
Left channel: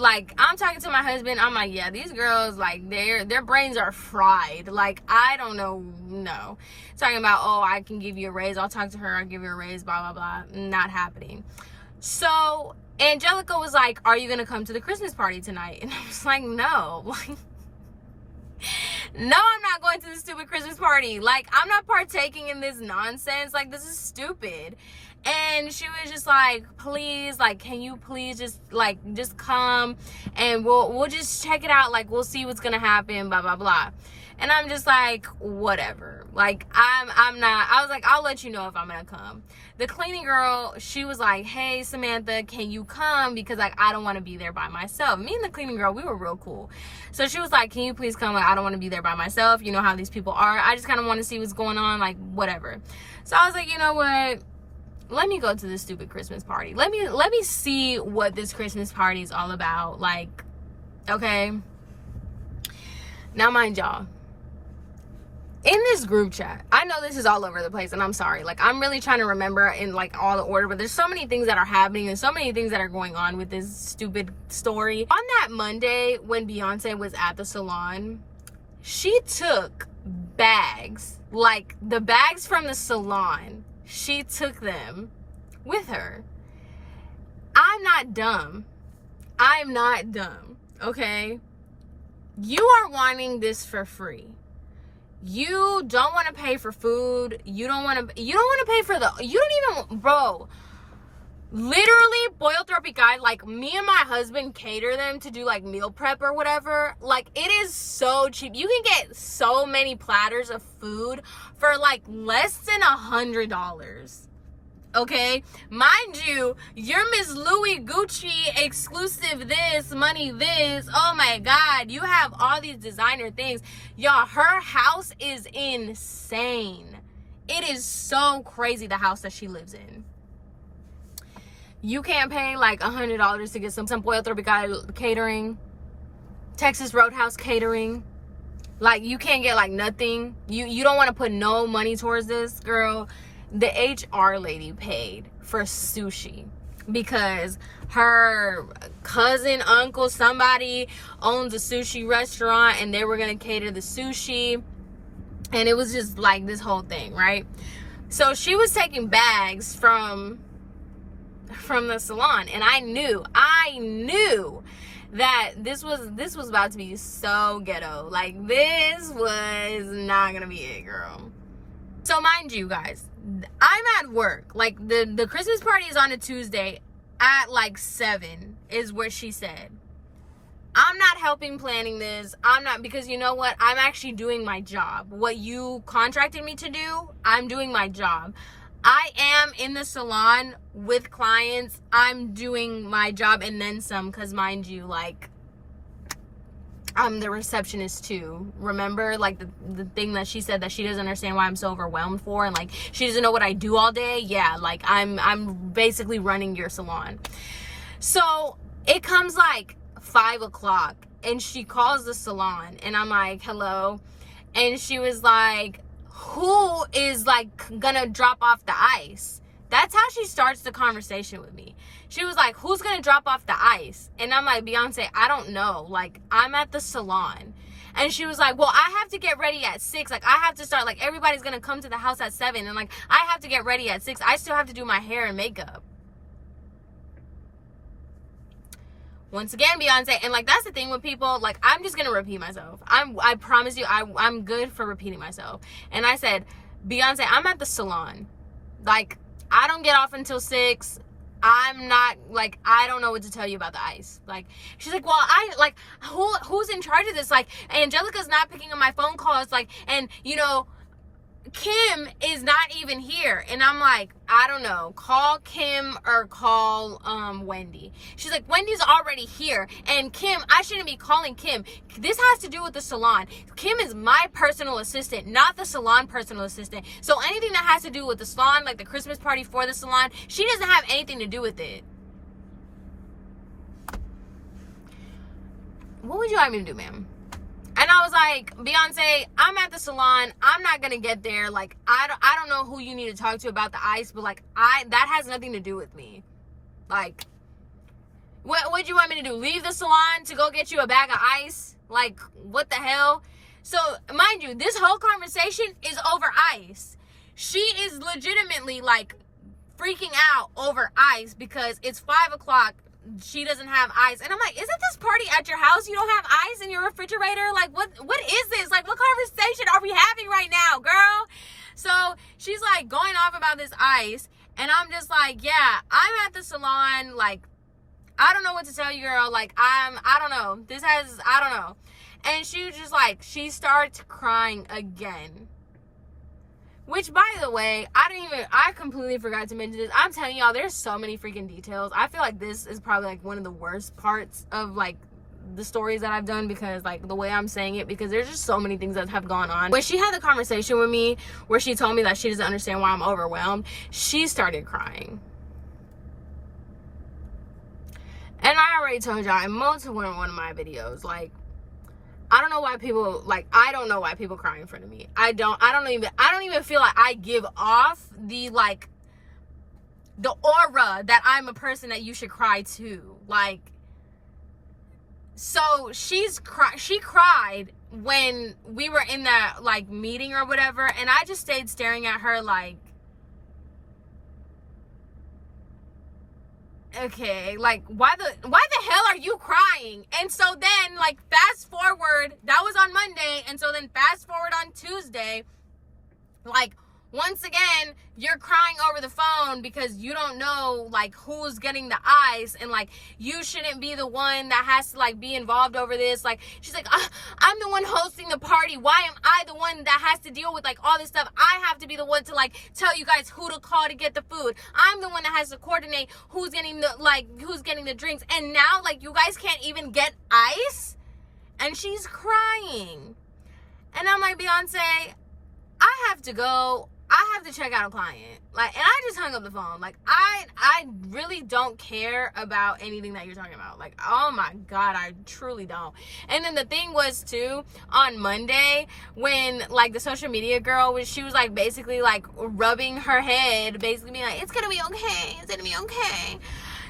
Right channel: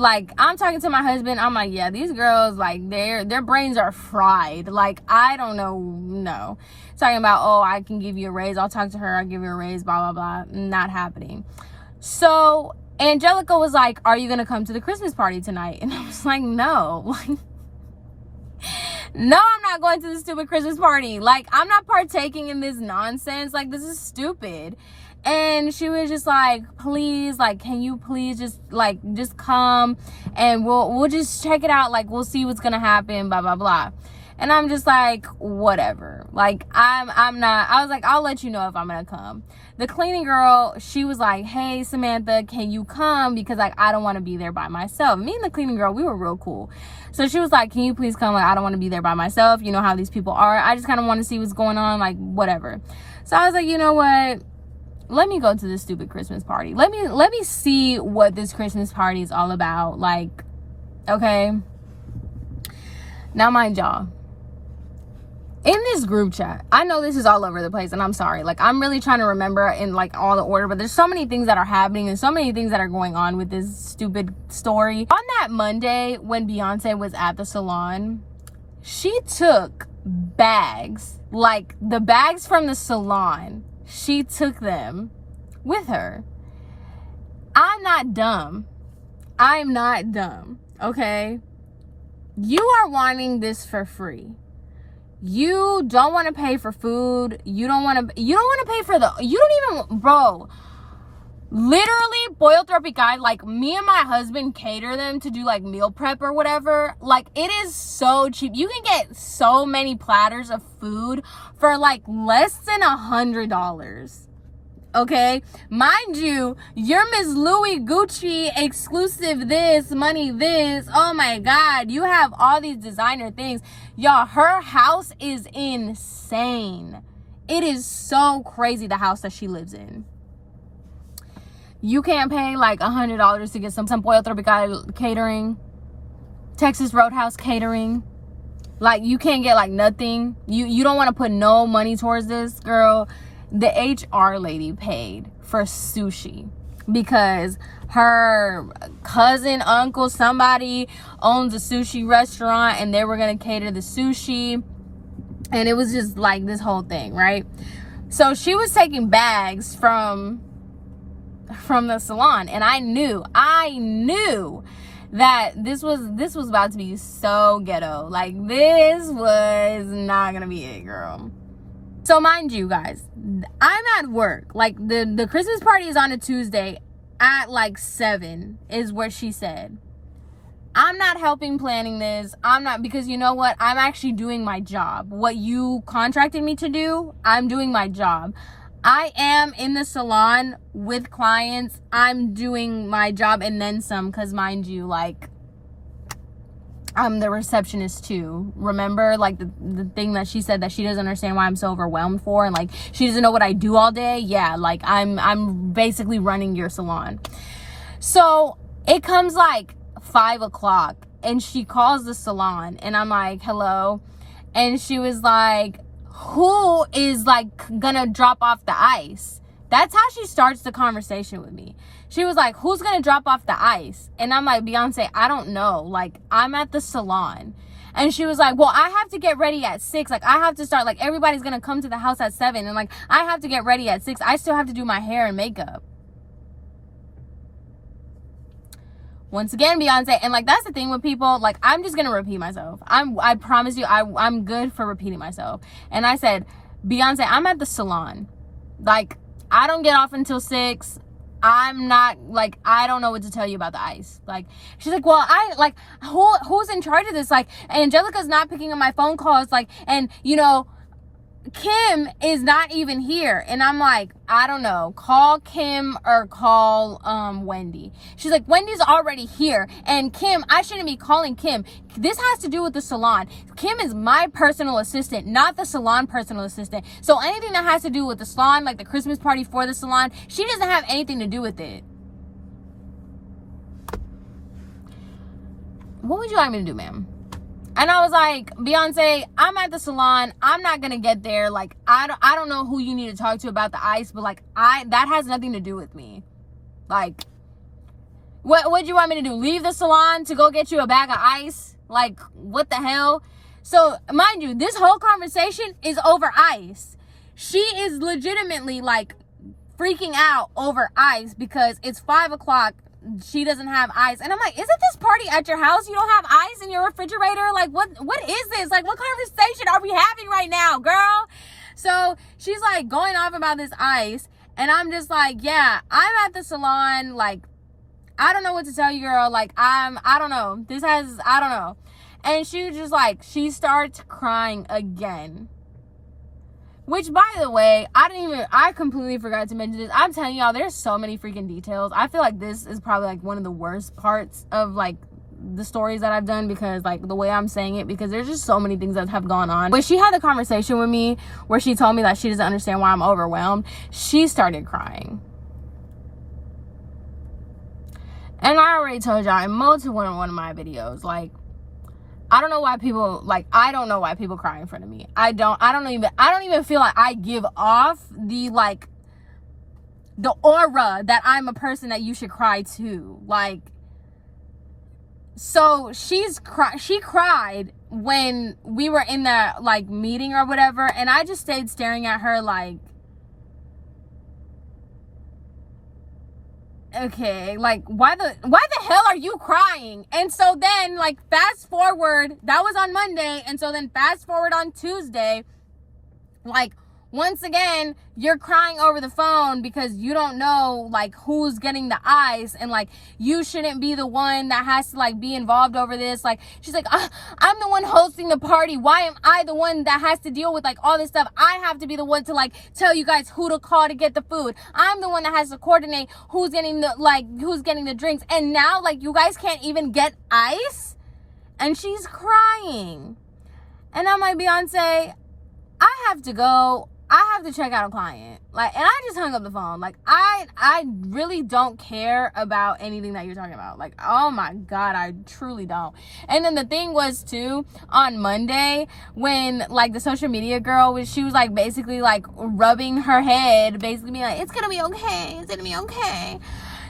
talking to my husband. I'm like, yeah, these girls, like, their brains are fried. Like, I don't know, no. Talking about, oh, I can give you a raise. I'll talk to her. I'll give you a raise, blah, blah, blah. Not happening. So Angelica was like, are you going to come to the Christmas party tonight? And I was like, no. Like, no, I'm not going to this stupid Christmas party. Like, I'm not partaking in this nonsense. Like, this is stupid. And she was just like, please, like, can you please just come and we'll just check it out. Like, we'll see what's gonna happen, blah, blah, blah. And I'm just like, whatever. Like, I was like, I'll let you know if I'm gonna come. The cleaning girl, she was like, hey, Samantha, can you come? Because, like, I don't want to be there by myself. Me and the cleaning girl, we were real cool. So she was like, can you please come? Like, I don't want to be there by myself. You know how these people are. I just kind of want to see what's going on, like, whatever. So I was like, you know what? Let me go to this stupid Christmas party. Let me see what this Christmas party is all about. Like, okay. Now, mind y'all, in this group chat, I know this is all over the place, and I'm sorry. Like, I'm really trying to remember in like all the order, but there's so many things that are happening and so many things that are going on with this stupid story. On that Monday, when Beyonce was at the salon, she took bags, like the bags from the salon. She took them with her. I'm not dumb. Okay? You are wanting this for free. You don't want to pay for food. You don't want to pay for bro. Literally, Pollo Tropical, like, me and my husband cater them to do like meal prep or whatever. Like, it is so cheap. You can get so many platters of food for like less than $100. Okay, mind you, your Miss Louis Gucci exclusive this, money this. Oh my God, you have all these designer things. Y'all, her house is insane. It is so crazy, the house that she lives in. You can't pay like $100 to get some Pollo Tropical catering, Texas Roadhouse catering. Like, you can't get like nothing. You don't want to put no money towards this, girl. The HR lady paid for sushi because her cousin, uncle, somebody owns a sushi restaurant, and they were gonna cater the sushi, and it was just like this whole thing, right? So she was taking bags from the salon, and I knew that this was about to be so ghetto. Like, this was not gonna be it, girl. So mind you guys, I'm at work. Like, the Christmas party is on a Tuesday at like 7 is what she said. I'm not helping planning this. I'm not, because you know what? I'm actually doing my job. What you contracted me to do, I'm doing my job. I am in the salon with clients. I'm doing my job and then some, because mind you, like, I'm the receptionist too. Remember, like, the thing that she said that she doesn't understand why I'm so overwhelmed for, and like she doesn't know what I do all day. Yeah, like I'm basically running your salon. So it comes like 5 o'clock and she calls the salon and I'm like, hello. And she was like, who is like gonna drop off the ice? That's how she starts the conversation with me. She was like, who's gonna drop off the ice? And I'm like, Beyonce, I don't know. Like, I'm at the salon. And she was like, well, I have to get ready at 6. Like, I have to start, like, everybody's gonna come to the house at 7. And like, I have to get ready at 6. I still have to do my hair and makeup. Once again, Beyonce, and like, that's the thing with people, like, I'm just gonna repeat myself. I promise you, I'm good for repeating myself. And I said, Beyonce, I'm at the salon. Like, I don't get off until 6. I'm not, like, I don't know what to tell you about the ice. Like, she's like, well, who's in charge of this? Like, Angelica's not picking up my phone calls, like, and, you know, Kim is not even here. And I'm like, I don't know, call Kim or call Wendy. She's like, Wendy's already here, and Kim, I shouldn't be calling Kim. This has to do with the salon. Kim is my personal assistant, not the salon personal assistant. So anything that has to do with the salon, like the Christmas party for the salon, she doesn't have anything to do with it. What would you like me to do, ma'am? And I was like, Beyonce, I'm at the salon. I'm not gonna get there. Like, I don't know who you need to talk to about the ice, but like, that has nothing to do with me. Like, what do you want me to do? Leave the salon to go get you a bag of ice? Like, what the hell? So, mind you, this whole conversation is over ice. She is legitimately like freaking out over ice because it's 5 o'clock. She doesn't have ice. And I'm like, isn't this party at your house? You don't have ice in your refrigerator? Like, what is this? Like, what conversation are we having right now, girl? So she's like going off about this ice. And I'm just like, yeah, I'm at the salon. Like, I don't know what to tell you, girl. Like, I don't know. I don't know. And she was just like, she starts crying again. Which, by the way, I completely forgot to mention this. I'm telling y'all, there's so many freaking details. I feel like this is probably like one of the worst parts of like the stories that I've done, because like the way I'm saying it, because there's just so many things that have gone on. When she had the conversation with me where she told me that she doesn't understand why I'm overwhelmed, she started crying. And I already told y'all in multiple one of my videos, like, I don't know why people cry in front of me. I don't even feel like I give off the like the aura that I'm a person that you should cry to. Like, so she cried when we were in that like meeting or whatever, and I just stayed staring at her like, okay, like, why the hell are you crying? And so then, like, fast forward, that was on Monday, and so then fast forward on Tuesday, like, once again, you're crying over the phone because you don't know, like, who's getting the ice, and, like, you shouldn't be the one that has to, like, be involved over this. Like, she's like, I'm the one hosting the party. Why am I the one that has to deal with, like, all this stuff? I have to be the one to, like, tell you guys who to call to get the food. I'm the one that has to coordinate who's getting the drinks. And now, like, you guys can't even get ice? And she's crying. And I'm like, Beyonce, I have to go. I have to check out a client. Like, and I just hung up the phone. Like, I really don't care about anything that you're talking about. Like, oh my God, I truly don't. And then the thing was too, on Monday, when like the social media girl she was like basically like rubbing her head, basically being like, it's gonna be okay, it's gonna be okay.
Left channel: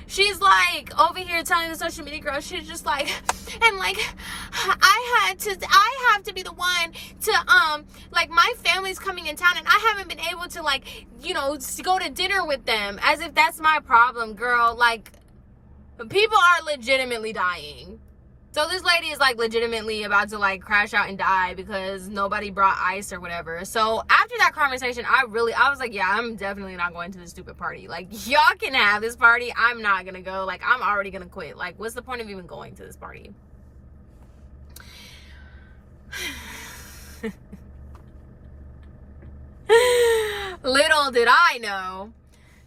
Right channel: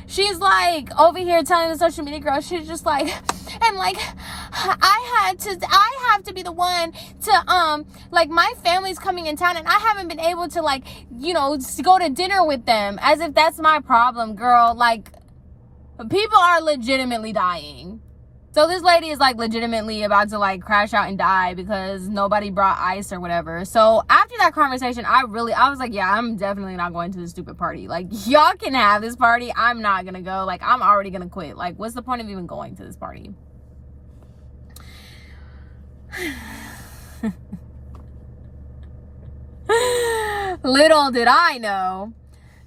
She's like over here telling the social media girl, she's just like, and like, I have to be the one to, like, my family's coming in town and I haven't been able to, like, you know, go to dinner with them, as if that's my problem, girl. Like, people are legitimately dying. So this lady is like legitimately about to like crash out and die because nobody brought ice or whatever. So after that conversation, I was like, yeah, I'm definitely not going to this stupid party. Like, y'all can have this party. I'm not gonna go. Like, I'm already gonna quit. Like, what's the point of even going to this party? Little did I know.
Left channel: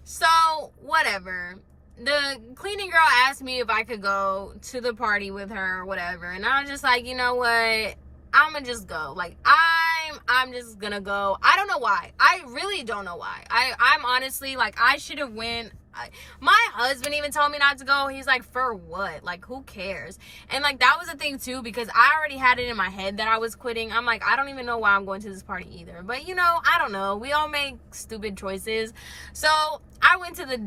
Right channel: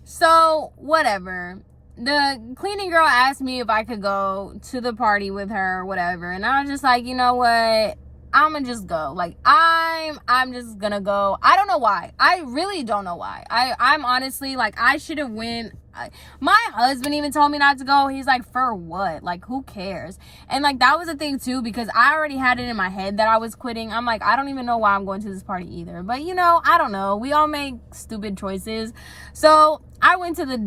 So whatever. the cleaning girl asked me if I could go to the party with her or whatever, and I was just like, you know what, I'm gonna just go. Like, I'm just gonna go. I don't know why. I really don't know why. I'm honestly, like, I should have went. My husband even told me not to go. He's like, for what? Like, who cares? And like, that was the thing too, because I already had it in my head that I was quitting. I'm like, I don't even know why I'm going to this party either. But you know, I don't know. We all make stupid choices. So I went to this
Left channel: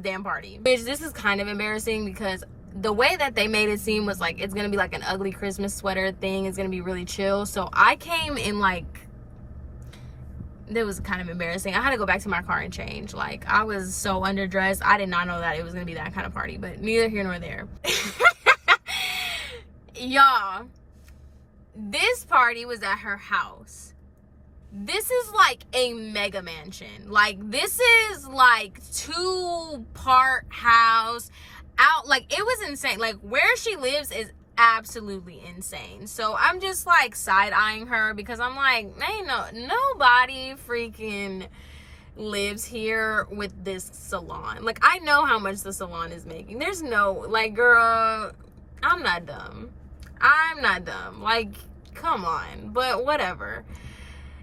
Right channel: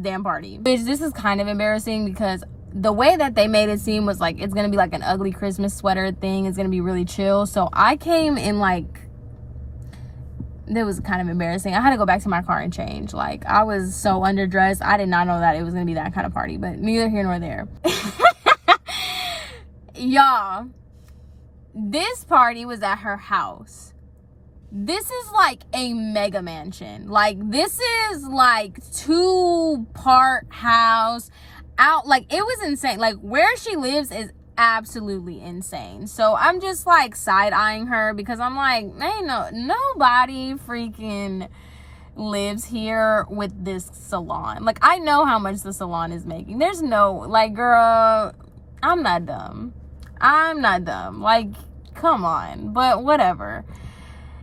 damn party. Bitch, this is kind of embarrassing because the way that they made it seem was like it's gonna be like an ugly Christmas sweater thing. It's gonna be really chill. So I came in like, it was kind of embarrassing. I had to go back to my car and change. Like, I was so underdressed. I did not know that it was gonna be that kind of party, but neither here nor there. Y'all, this party was at her house. This is like a mega mansion. Like, this is like 2-part house out. Like, it was insane. Like, where she lives is absolutely insane. So I'm just like side-eyeing her because I'm like, ain't nobody freaking lives here with this salon. Like, I know how much the salon is making. There's no, like, girl, I'm not dumb. Like, come on. But whatever.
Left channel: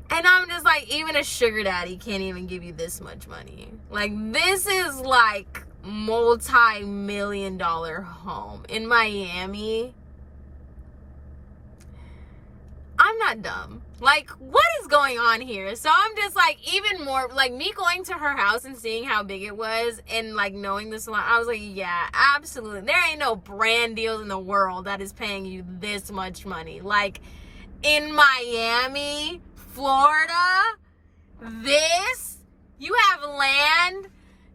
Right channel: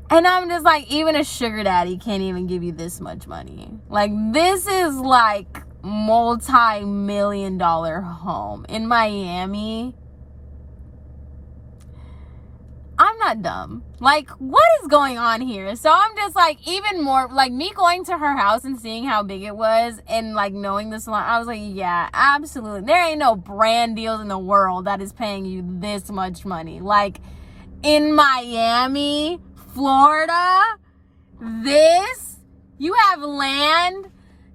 And I'm just like, even a sugar daddy can't even give you this much money. Like, this is like multi-million-dollar home in Miami. I'm not dumb. Like, what is going on here? So I'm just like, even more, like, me going to her house and seeing how big it was and like knowing the salon, I was like, yeah, absolutely. There ain't no brand deals in the world that is paying you this much money. Like, in Miami, Florida, this, you have land,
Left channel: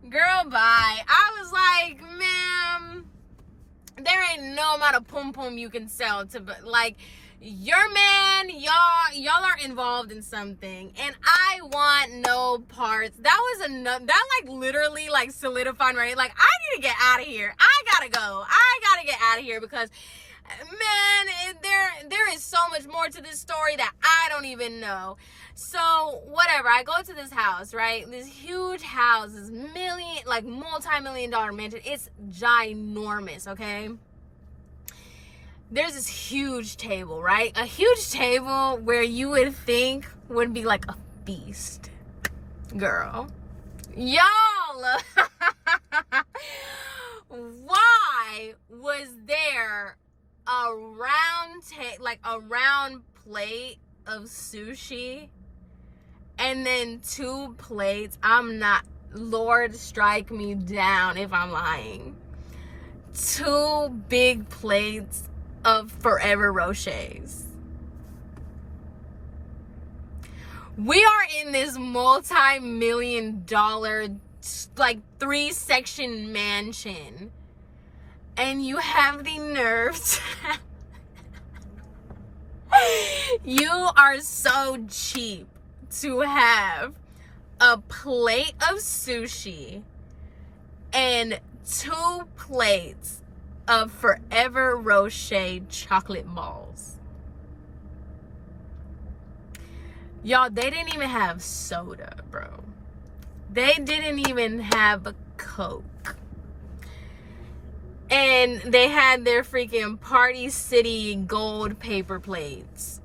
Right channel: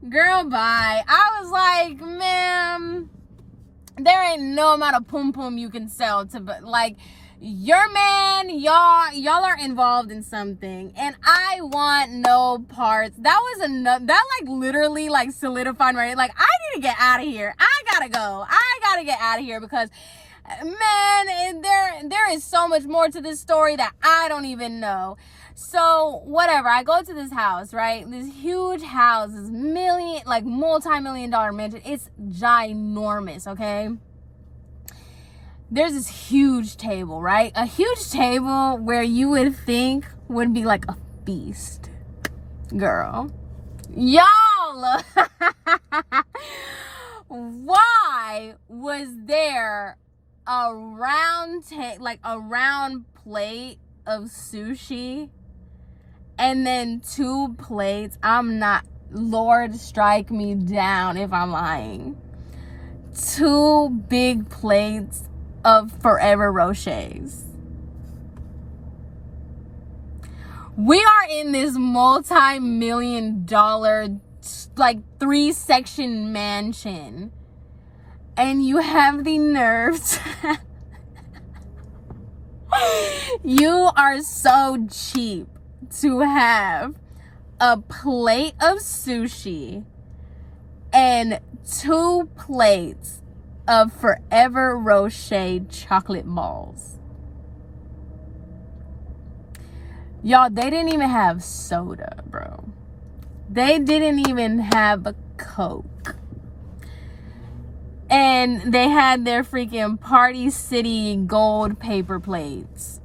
girl, bye. I was like, ma'am, there ain't no amount of pum pum you can sell to, like, your man, y'all are involved in something, and I want no parts. That was enough. That like literally like solidified my, like, I need to get out of here. I gotta go. I gotta get out of here because, man, there is so much more to this story that I don't even know. So whatever, I go to this house, right? This huge house, this multi-million-dollar mansion. It's ginormous, okay? There's this huge table, right? A huge table where you would think would be like a feast. Girl. Y'all! Why was there a round plate of sushi and then 2 plates? I'm not, Lord strike me down if I'm lying. 2 big plates of Forever Rochers. We are in this multi-million-dollar like 3-section mansion, and you have the nerves. You are so cheap to have a plate of sushi and 2 plates of Forever Rocher chocolate balls. Y'all, they didn't even have soda, bro. They didn't even have a Coke. And they had their freaking Party City gold paper plates.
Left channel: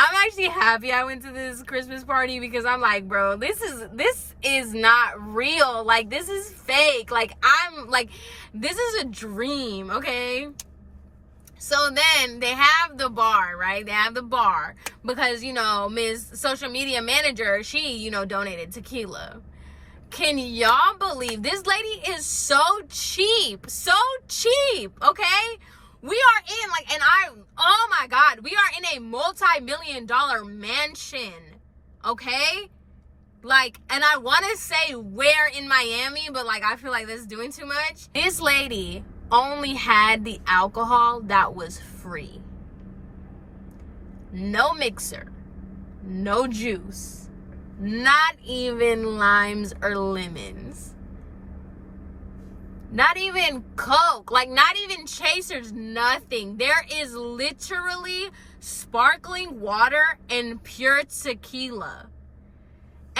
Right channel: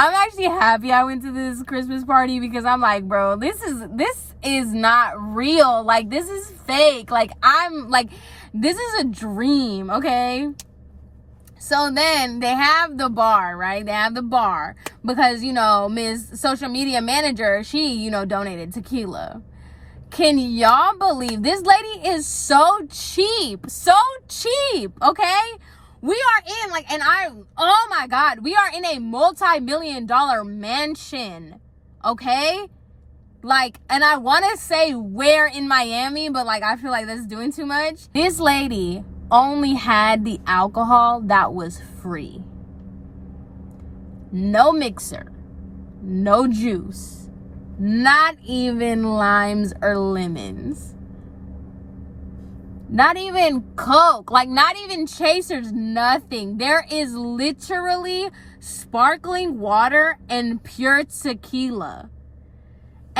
I'm actually happy I went to this Christmas party because I'm like, bro, this is not real. Like, this is fake. Like, I'm like, this is a dream, okay? So then they have the bar, right? They have the bar because, you know, Miss Social Media Manager, she, you know, donated tequila. Can y'all believe this lady is so cheap, okay? We are in like, oh my God, we are in a multi-million-dollar mansion, okay? Like, and I want to say where in Miami, but like, I feel like that's doing too much. This lady only had the alcohol that was free. No mixer, no juice, not even limes or lemons. Not even Coke, like not even chasers, nothing. There is literally sparkling water and pure tequila.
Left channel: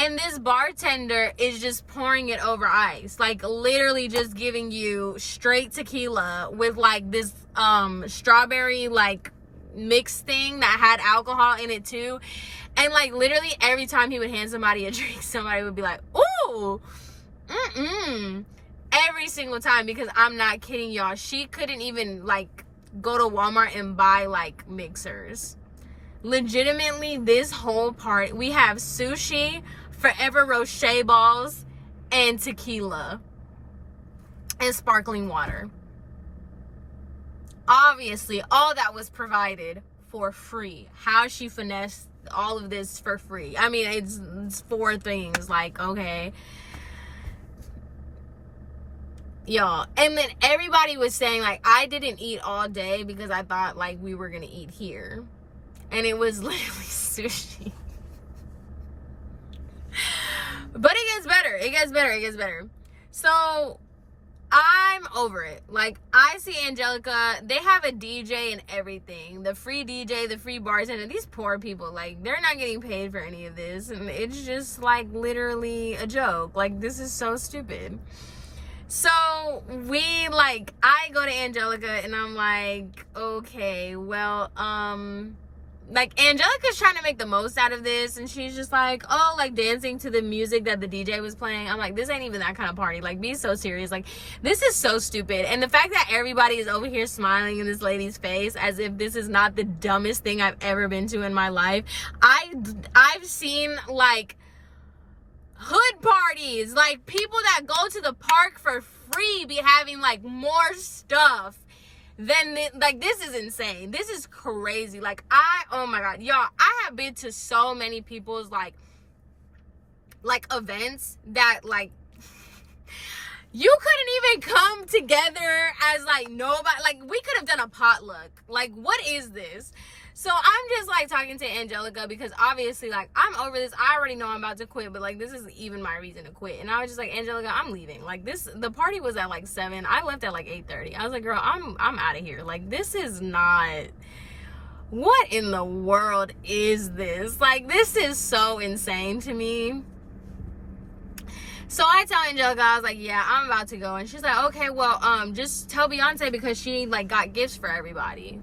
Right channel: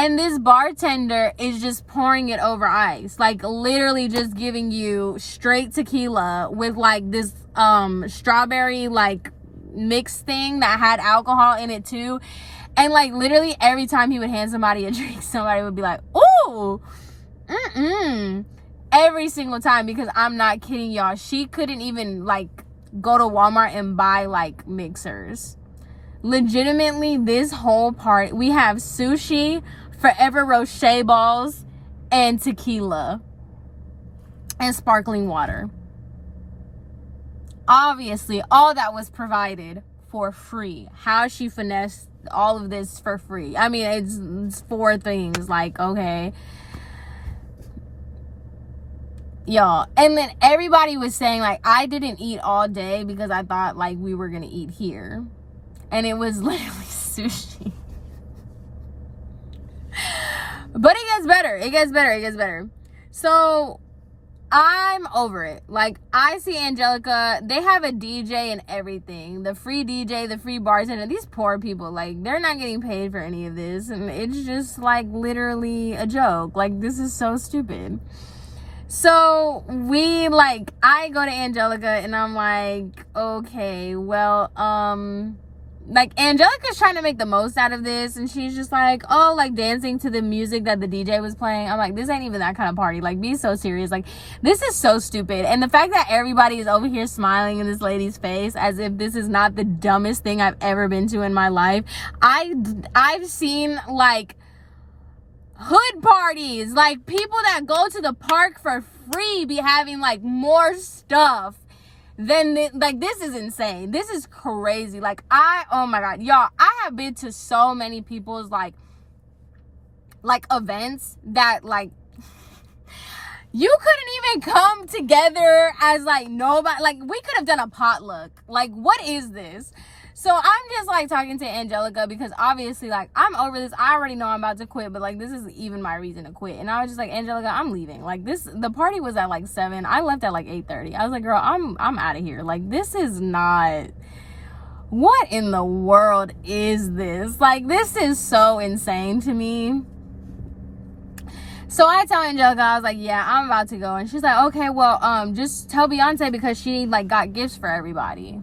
And this bartender is just pouring it over ice. Like, literally just giving you straight tequila with, like, this strawberry, like, mix thing that had alcohol in it, too. And, like, literally every time he would hand somebody a drink, somebody would be like, ooh, every single time, because I'm not kidding y'all. She couldn't even, like, go to Walmart and buy, like, mixers. Legitimately, this whole part, we have sushi, Forever Rocher balls, and tequila, and sparkling water. Obviously, all that was provided for free. How she finessed all of this for free. I mean, it's 4 things, like, okay. Y'all, and then everybody was saying, like, I didn't eat all day because I thought, like, we were gonna eat here. And it was literally sushi. But it gets better. It gets better. It gets better. So I'm over it. Like, I see Angelica. They have a DJ and everything. The free DJ, the free bartender. These poor people, like, they're not getting paid for any of this. And it's just, like, literally a joke. Like, this is so stupid. So I go to Angelica and I'm like, okay, well, like, Angelica's trying to make the most out of this, and she's just like, oh, like, dancing to the music that the DJ was playing. I'm like, this ain't even that kind of party. Like, be so serious. Like, this is so stupid. And the fact that everybody is over here smiling in this lady's face as if this is not the dumbest thing I've ever been to in my life. I've seen, like, hood parties, like, people that go to the park for free be having, like, more stuff. Then, like, this is insane. This is crazy. Like, oh my God, y'all, I have been to so many people's, like events that, like, you couldn't even come together as, like, nobody. Like, we could have done a potluck. Like, what is this? So I'm just, like, talking to Angelica because obviously, like, I'm over this. I already know I'm about to quit, but, like, this is even my reason to quit. And I was just like, Angelica, I'm leaving. Like, the party was at, like, 7. I left at, like, 8:30. I was like, girl, I'm out of here. Like, this is not... What in the world is this? Like, this is so insane to me. So I tell Angelica, I was like, yeah, I'm about to go. And she's like, okay, well, just tell Beyonce because she, like, got gifts for everybody.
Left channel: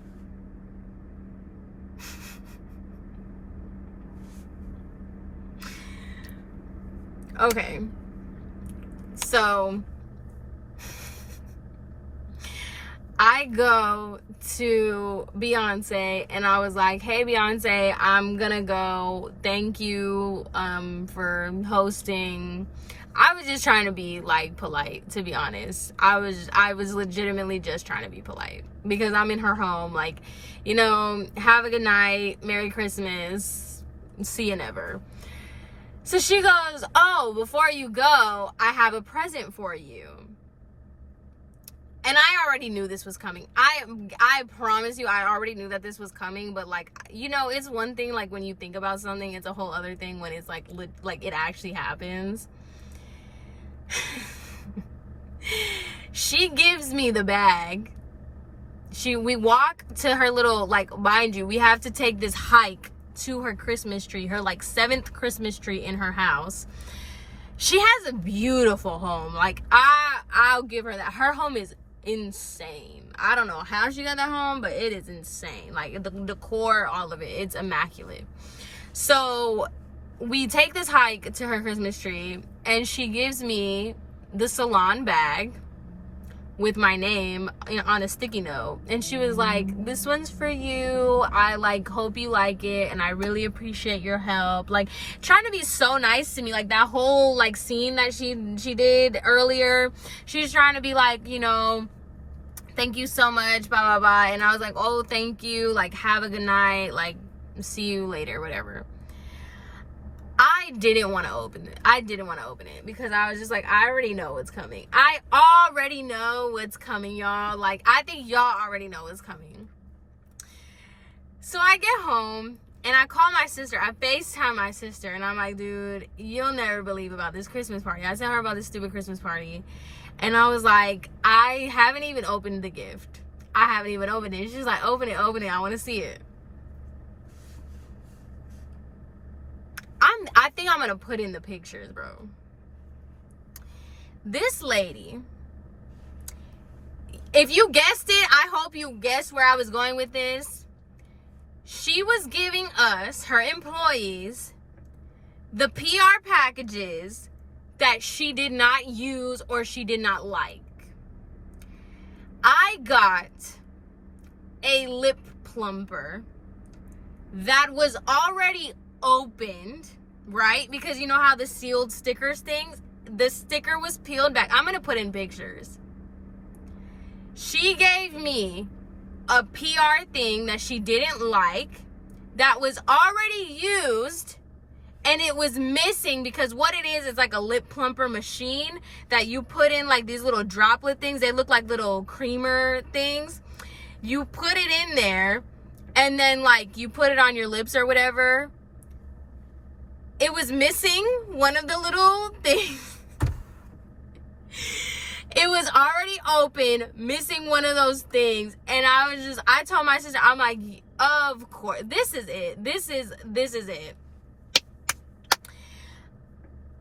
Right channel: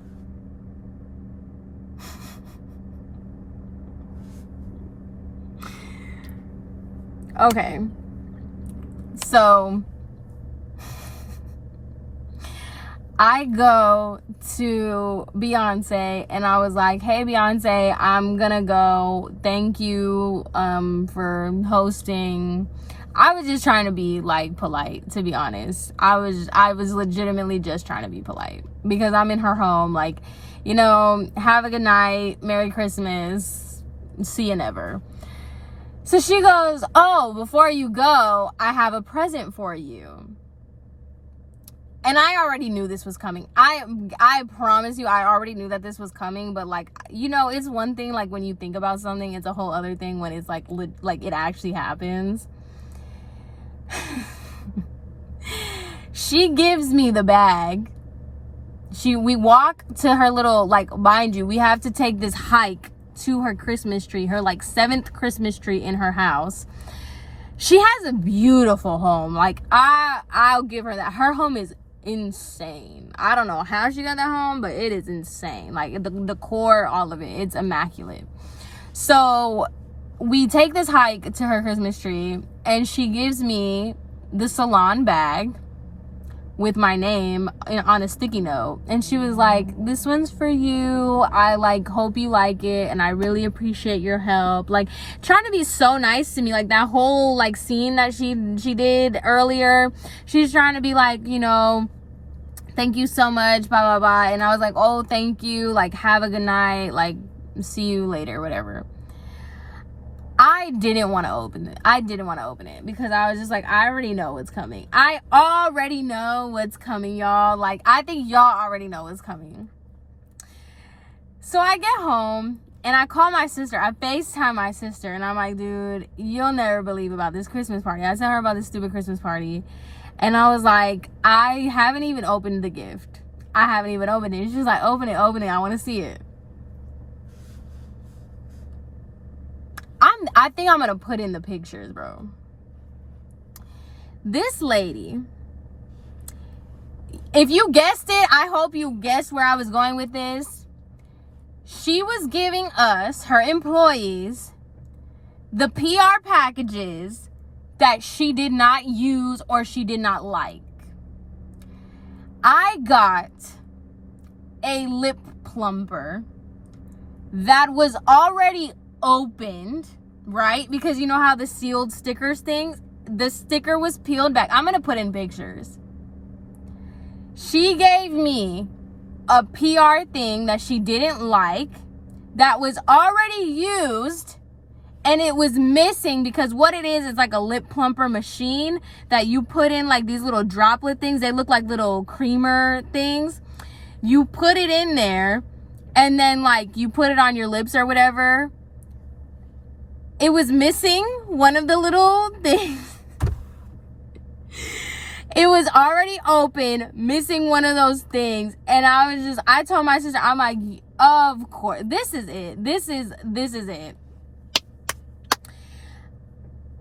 Okay, so I go to Beyonce and I was like, hey Beyonce, I'm gonna go. Thank you for hosting. I was just trying to be, like, polite, to be honest. I was legitimately just trying to be polite because I'm in her home. Like, you know, have a good night, Merry Christmas, see you never. So she goes, oh, before you go, I have a present for you. And I already knew this was coming. I promise you, I already knew that this was coming. But, like, you know, it's one thing, like, when you think about something. It's a whole other thing when it's, like it actually happens. She gives me the bag. We walk to her little, like, mind you, we have to take this hike to her Christmas tree, her, like, 7th Christmas tree in her house. She has a beautiful home. Like, I'll give her that. Her home is insane. I don't know how she got that home, but it is insane. Like, the decor, all of it, it's immaculate. So we take this hike to her Christmas tree, and she gives me the salon bag with my name on a sticky note, and she was like, this one's for you. I, like, hope you like it, and I really appreciate your help. Like, trying to be so nice to me. Like, that whole, like, scene that she did earlier, she's trying to be like, you know, thank you so much, blah blah blah. And I was like, oh, thank you, like, have a good night, like, see you later, whatever. I didn't want to open it because I was just like, I already know what's coming. I already know what's coming, y'all. Like, I think y'all already know what's coming. So I get home and I call my sister. I FaceTime my sister and I'm like, dude, you'll never believe about this Christmas party. I sent her about this stupid Christmas party. And I was like, I haven't even opened the gift. I haven't even opened it. She's like, open it. I want to see it. I think I'm gonna put in the pictures, bro. This lady, if you guessed it, I hope you guessed where I was going with this. She was giving us, her employees, the PR packages that she did not use or she did not like. I got a lip plumper that was already opened, right? Because you know how the sealed stickers things, the sticker was peeled back. I'm gonna put in pictures. She gave me a PR thing that she didn't like that was already used, and it was missing because what it is like a lip plumper machine that you put in like these little droplet things. They look like little creamer things. You put it in there and then like you put it on your lips or whatever. It was missing one of the little things. It was already open, missing one of those things. And I told my sister, I'm like, of course, this is it. This is it.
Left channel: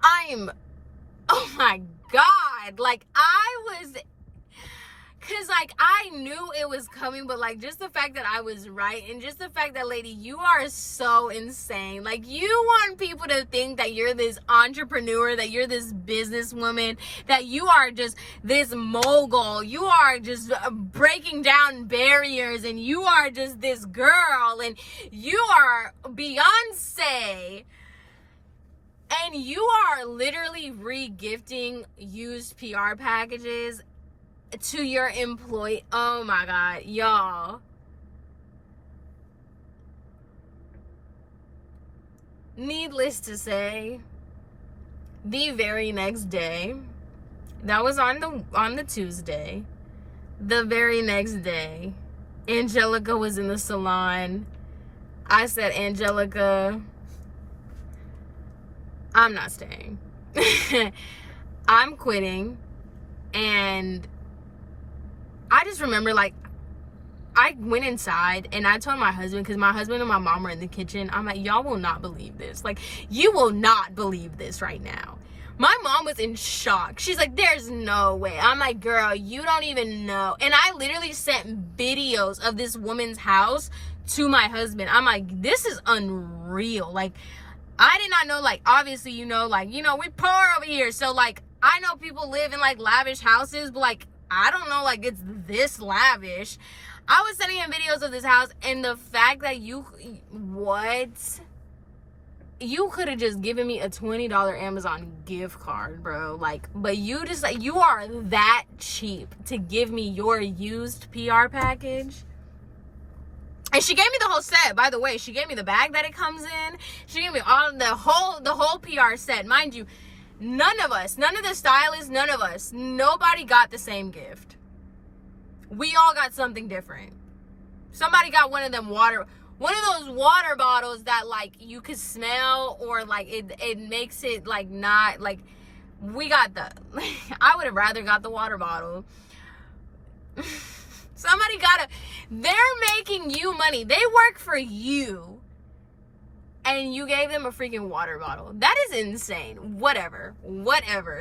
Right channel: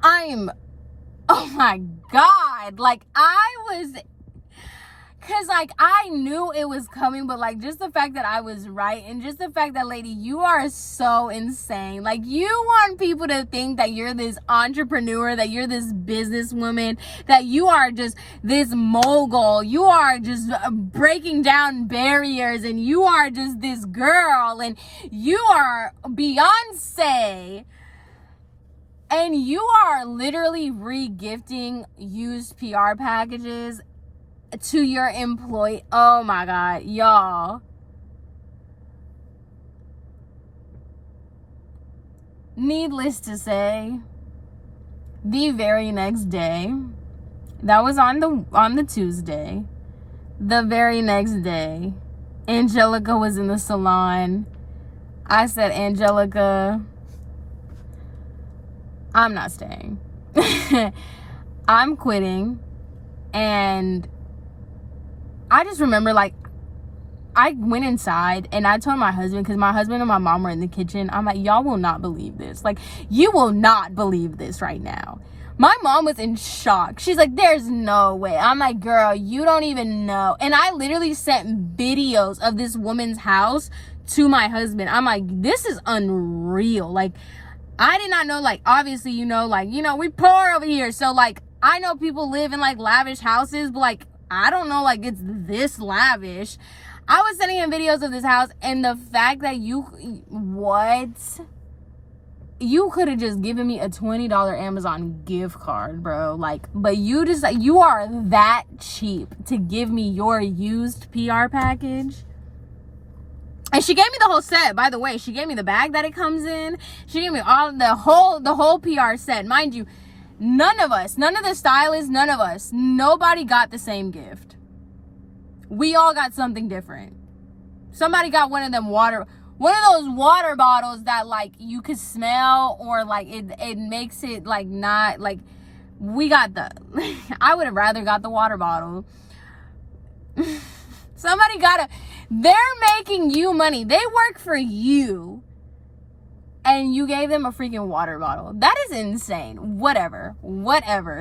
Oh my God. Like cause like I knew it was coming, but like just the fact that I was right and just the fact that, lady, you are so insane. Like you want people to think that you're this entrepreneur, that you're this businesswoman, that you are just this mogul. You are just breaking down barriers and you are just this girl and you are Beyonce. And you are literally re-gifting used PR packages to your employee. Oh my God, y'all. Needless to say, the very next day, that was on the Tuesday, the very next day, Angelica was in the salon. I said, Angelica, I'm not staying. I'm quitting. And I just remember, like, I went inside and I told my husband, because my husband and my mom were in the kitchen. I'm like, y'all will not believe this. Like, you will not believe this right now. My mom was in shock. She's like, there's no way. I'm like, girl, you don't even know. And I literally sent videos of this woman's house to my husband. I'm like, this is unreal. Like, I did not know, like, obviously, you know, like, you know, we poor over here. So, like, I know people live in, like, lavish houses, but, like, I don't know, like, it's this lavish. I was sending him videos of this house, and the fact that you could have just given me a $20 Amazon gift card, bro. Like, but you just, like, you are that cheap to give me your used PR package. And she gave me the whole set, by the way. She gave me the bag that it comes in. She gave me the whole PR set. Mind you, none of the stylists, nobody got the same gift. We all got something different. Somebody got one of those water bottles that, like, you could smell, or like it makes it like not like. We got I would have rather got the water bottle. Somebody they're making you money. They work for you. And you gave them a freaking water bottle. That is insane. Whatever.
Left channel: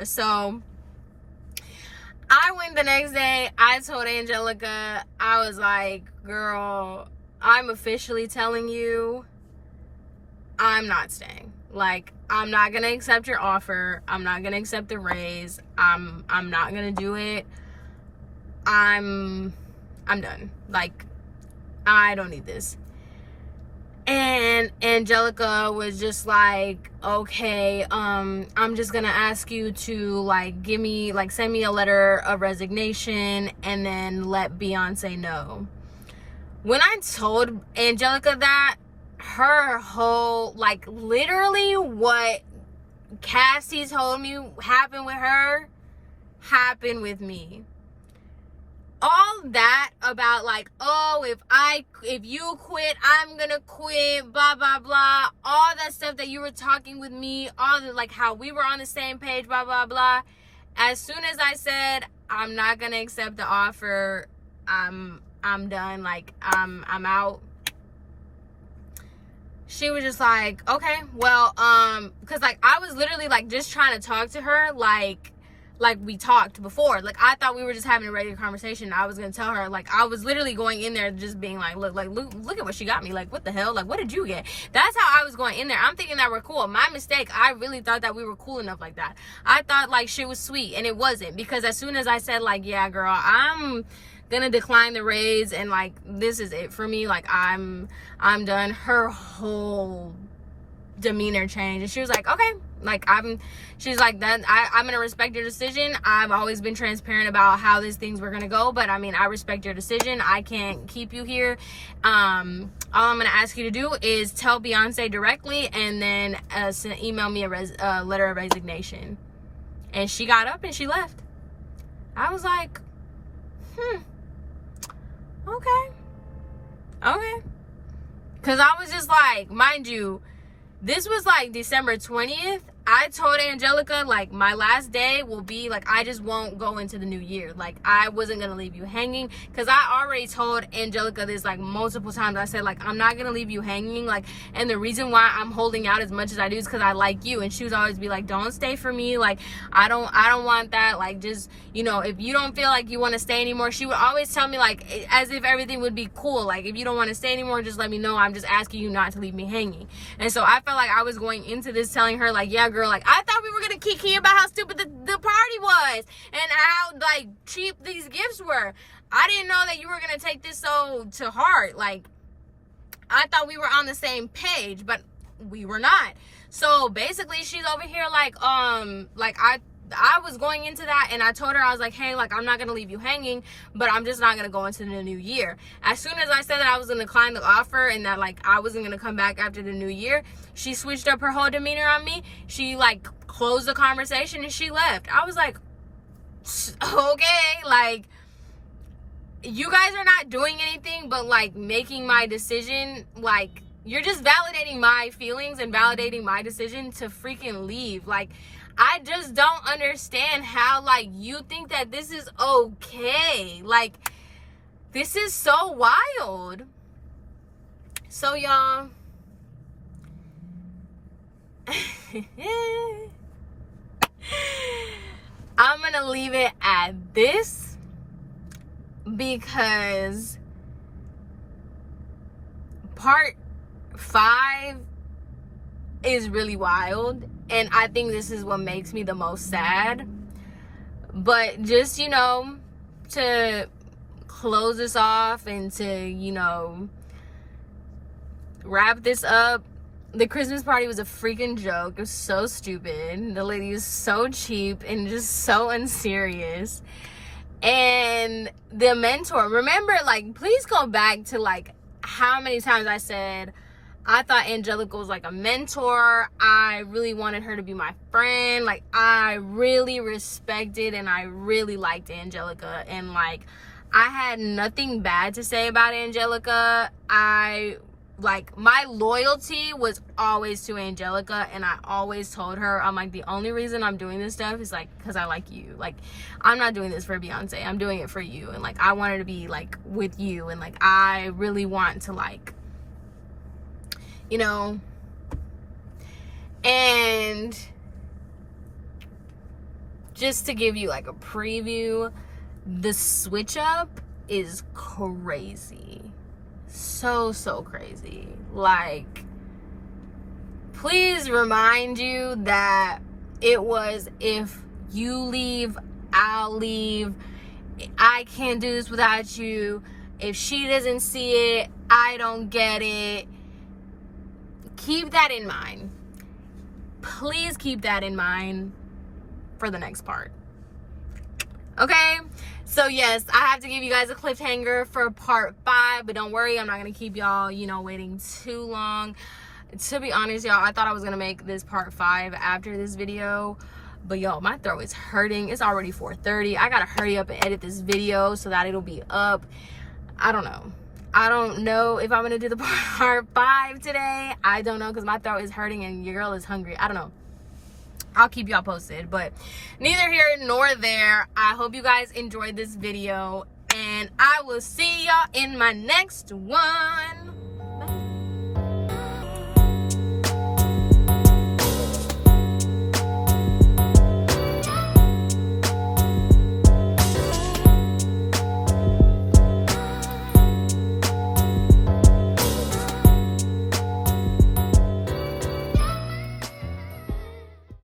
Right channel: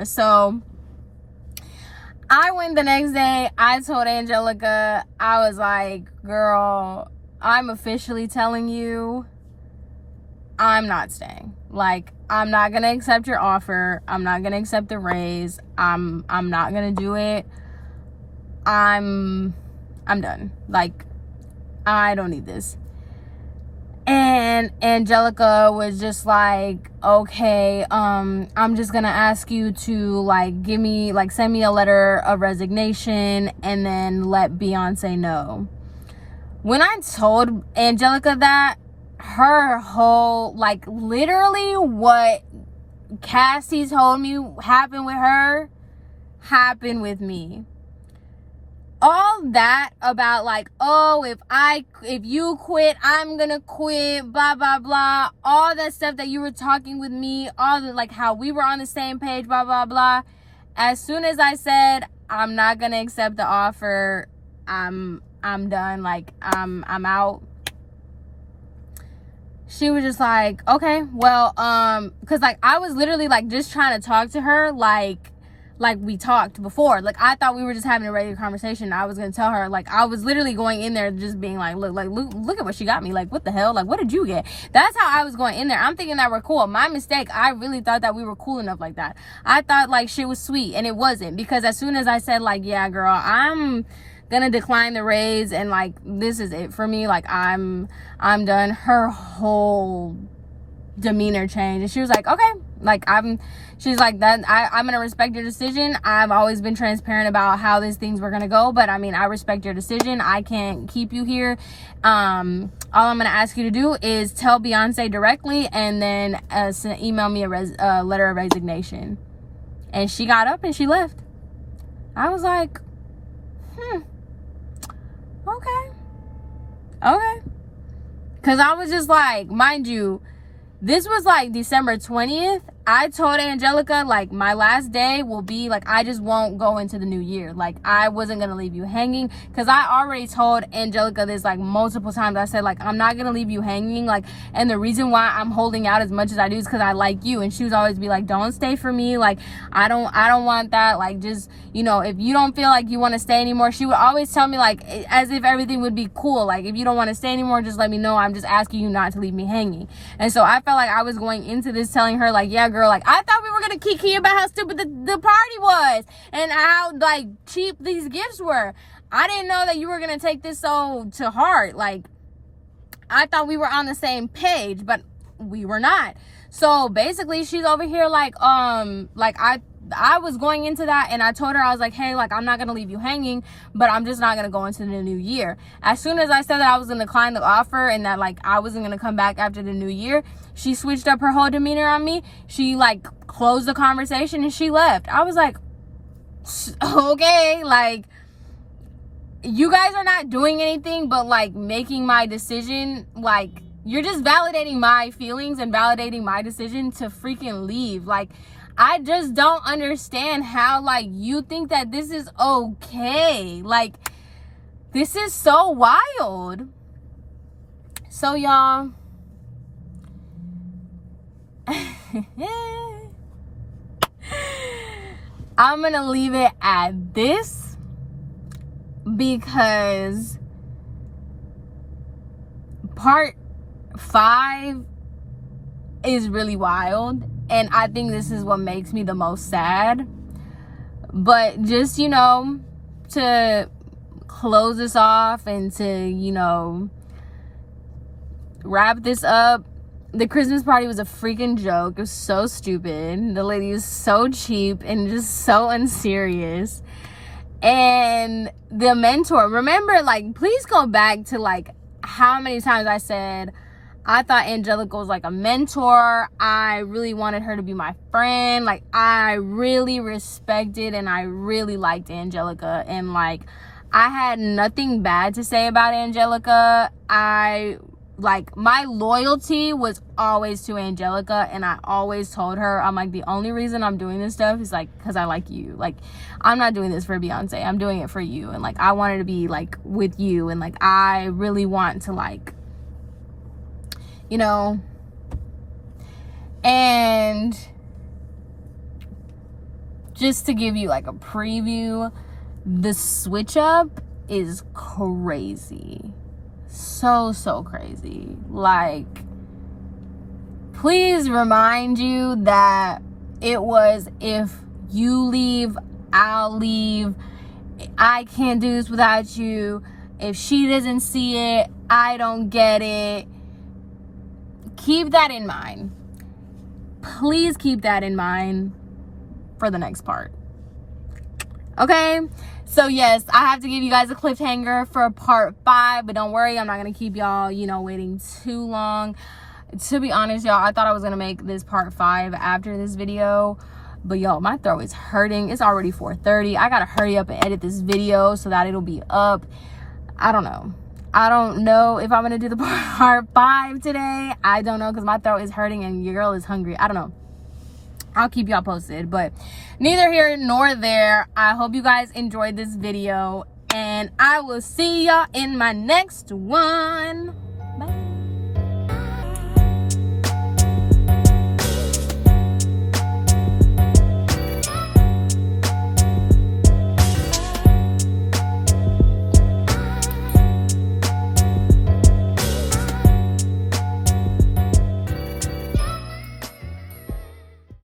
So I went the next day. I told Angelica, I was like, girl, I'm officially telling you, I'm not staying. Like, I'm not going to accept your offer. I'm not going to accept the raise. I'm not going to do it. I'm done. Like, I don't need this. And Angelica was just like, okay, I'm just gonna ask you to, like, send me a letter of resignation and then let Beyonce know. When I told Angelica that, her whole, like, literally what Cassie told me happened with her happened with me. All that about, like, oh, if you quit, I'm gonna quit, blah blah blah, all that stuff that you were talking with me, all the, like, how we were on the same page, blah blah blah. As soon as I said I'm not gonna accept the offer, I'm done, like, I'm out, she was just like, okay, well, because like I was literally like just trying to talk to her like we talked before. Like I thought we were just having a regular conversation. I was gonna tell her, like I was literally going in there just being like, look at what she got me. Like, what the hell? Like, what did you get? That's how I was going in there. I'm thinking that we're cool. My mistake. I really thought that we were cool enough like that. I thought like shit was sweet, and it wasn't, because as soon as I said like, yeah, girl, I'm gonna decline the raise, and like this is it for me, like I'm done, her whole demeanor changed, and she was like, okay, like she's like, that I'm gonna respect your decision. I've always been transparent about how these things were gonna go, but I mean, I respect your decision. I can't keep you here. All I'm gonna ask you to do is tell Beyonce directly, and then email me a letter of resignation. And she got up and she left. I was like, okay, because I was just like, mind you, this was like December 20th. I told Angelica, like, my last day will be, like, I just won't go into the new year. Like, I wasn't going to leave you hanging. Because I already told Angelica this, like, multiple times. I said, like, I'm not going to leave you hanging. Like, and the reason why I'm holding out as much as I do is because I like you. And she was always be like, don't stay for me. Like, I don't want that. Like, just, you know, if you don't feel like you want to stay anymore. She would always tell me, like, as if everything would be cool. Like, if you don't want to stay anymore, just let me know. I'm just asking you not to leave me hanging. And so I felt like I was going into this telling her, like, yeah, girl, like, I thought we were gonna kiki about how stupid the party was and how like cheap these gifts were. I didn't know that you were gonna take this so to heart. Like, I thought we were on the same page, but we were not. So basically she's over here like I was going into that, and I told her, I was like, hey, like, I'm not gonna leave you hanging, but I'm just not gonna go into the new year. As soon as I said that I was gonna decline the offer and that like I wasn't gonna come back after the new year, she switched up her whole demeanor on me. She like closed the conversation and she left. I was like, okay, like, you guys are not doing anything but like making my decision, like, you're just validating my feelings and validating my decision to freaking leave. Like, I just don't understand how, like, you think that this is okay. Like, this is so wild. So, y'all, I'm gonna leave it at this because part 5 is really wild, and I think this is what makes me the most sad. But just, you know, to close this off and to, you know, wrap this up, the Christmas party was a freaking joke. It was so stupid. The lady was so cheap and just so unserious. And the mentor, remember, like, please go back to like how many times I said I thought Angelica was like a mentor. I really wanted her to be my friend. Like, I really respected and I really liked Angelica, and like, I had nothing bad to say about Angelica. Like, my loyalty was always to Angelica, and I always told her, I'm like, the only reason I'm doing this stuff is like because I like you. Like, I'm not doing this for Beyonce, I'm doing it for you, and like, I wanted to be like with you, and like, I really want to, like, you know. And just to give you like a preview, the switch up is crazy. So crazy. Like, please remind you that it was, if you leave, I'll leave. I can't do this without you. If she doesn't see it, I don't get it. Keep that in mind. Please keep that in mind for the next part. Okay? So yes, I have to give you guys a cliffhanger for part 5, but don't worry, I'm not going to keep y'all, you know, waiting too long. To be honest, y'all, I thought I was going to make this part 5 after this video, but y'all, my throat is hurting. It's already 4:30. I got to hurry up and edit this video so that it'll be up. I don't know if I'm going to do the part 5 today. I don't know, because my throat is hurting and your girl is hungry. I don't know. I'll keep y'all posted, but neither here nor there. I hope you guys enjoyed this video, and I will see y'all in my next one.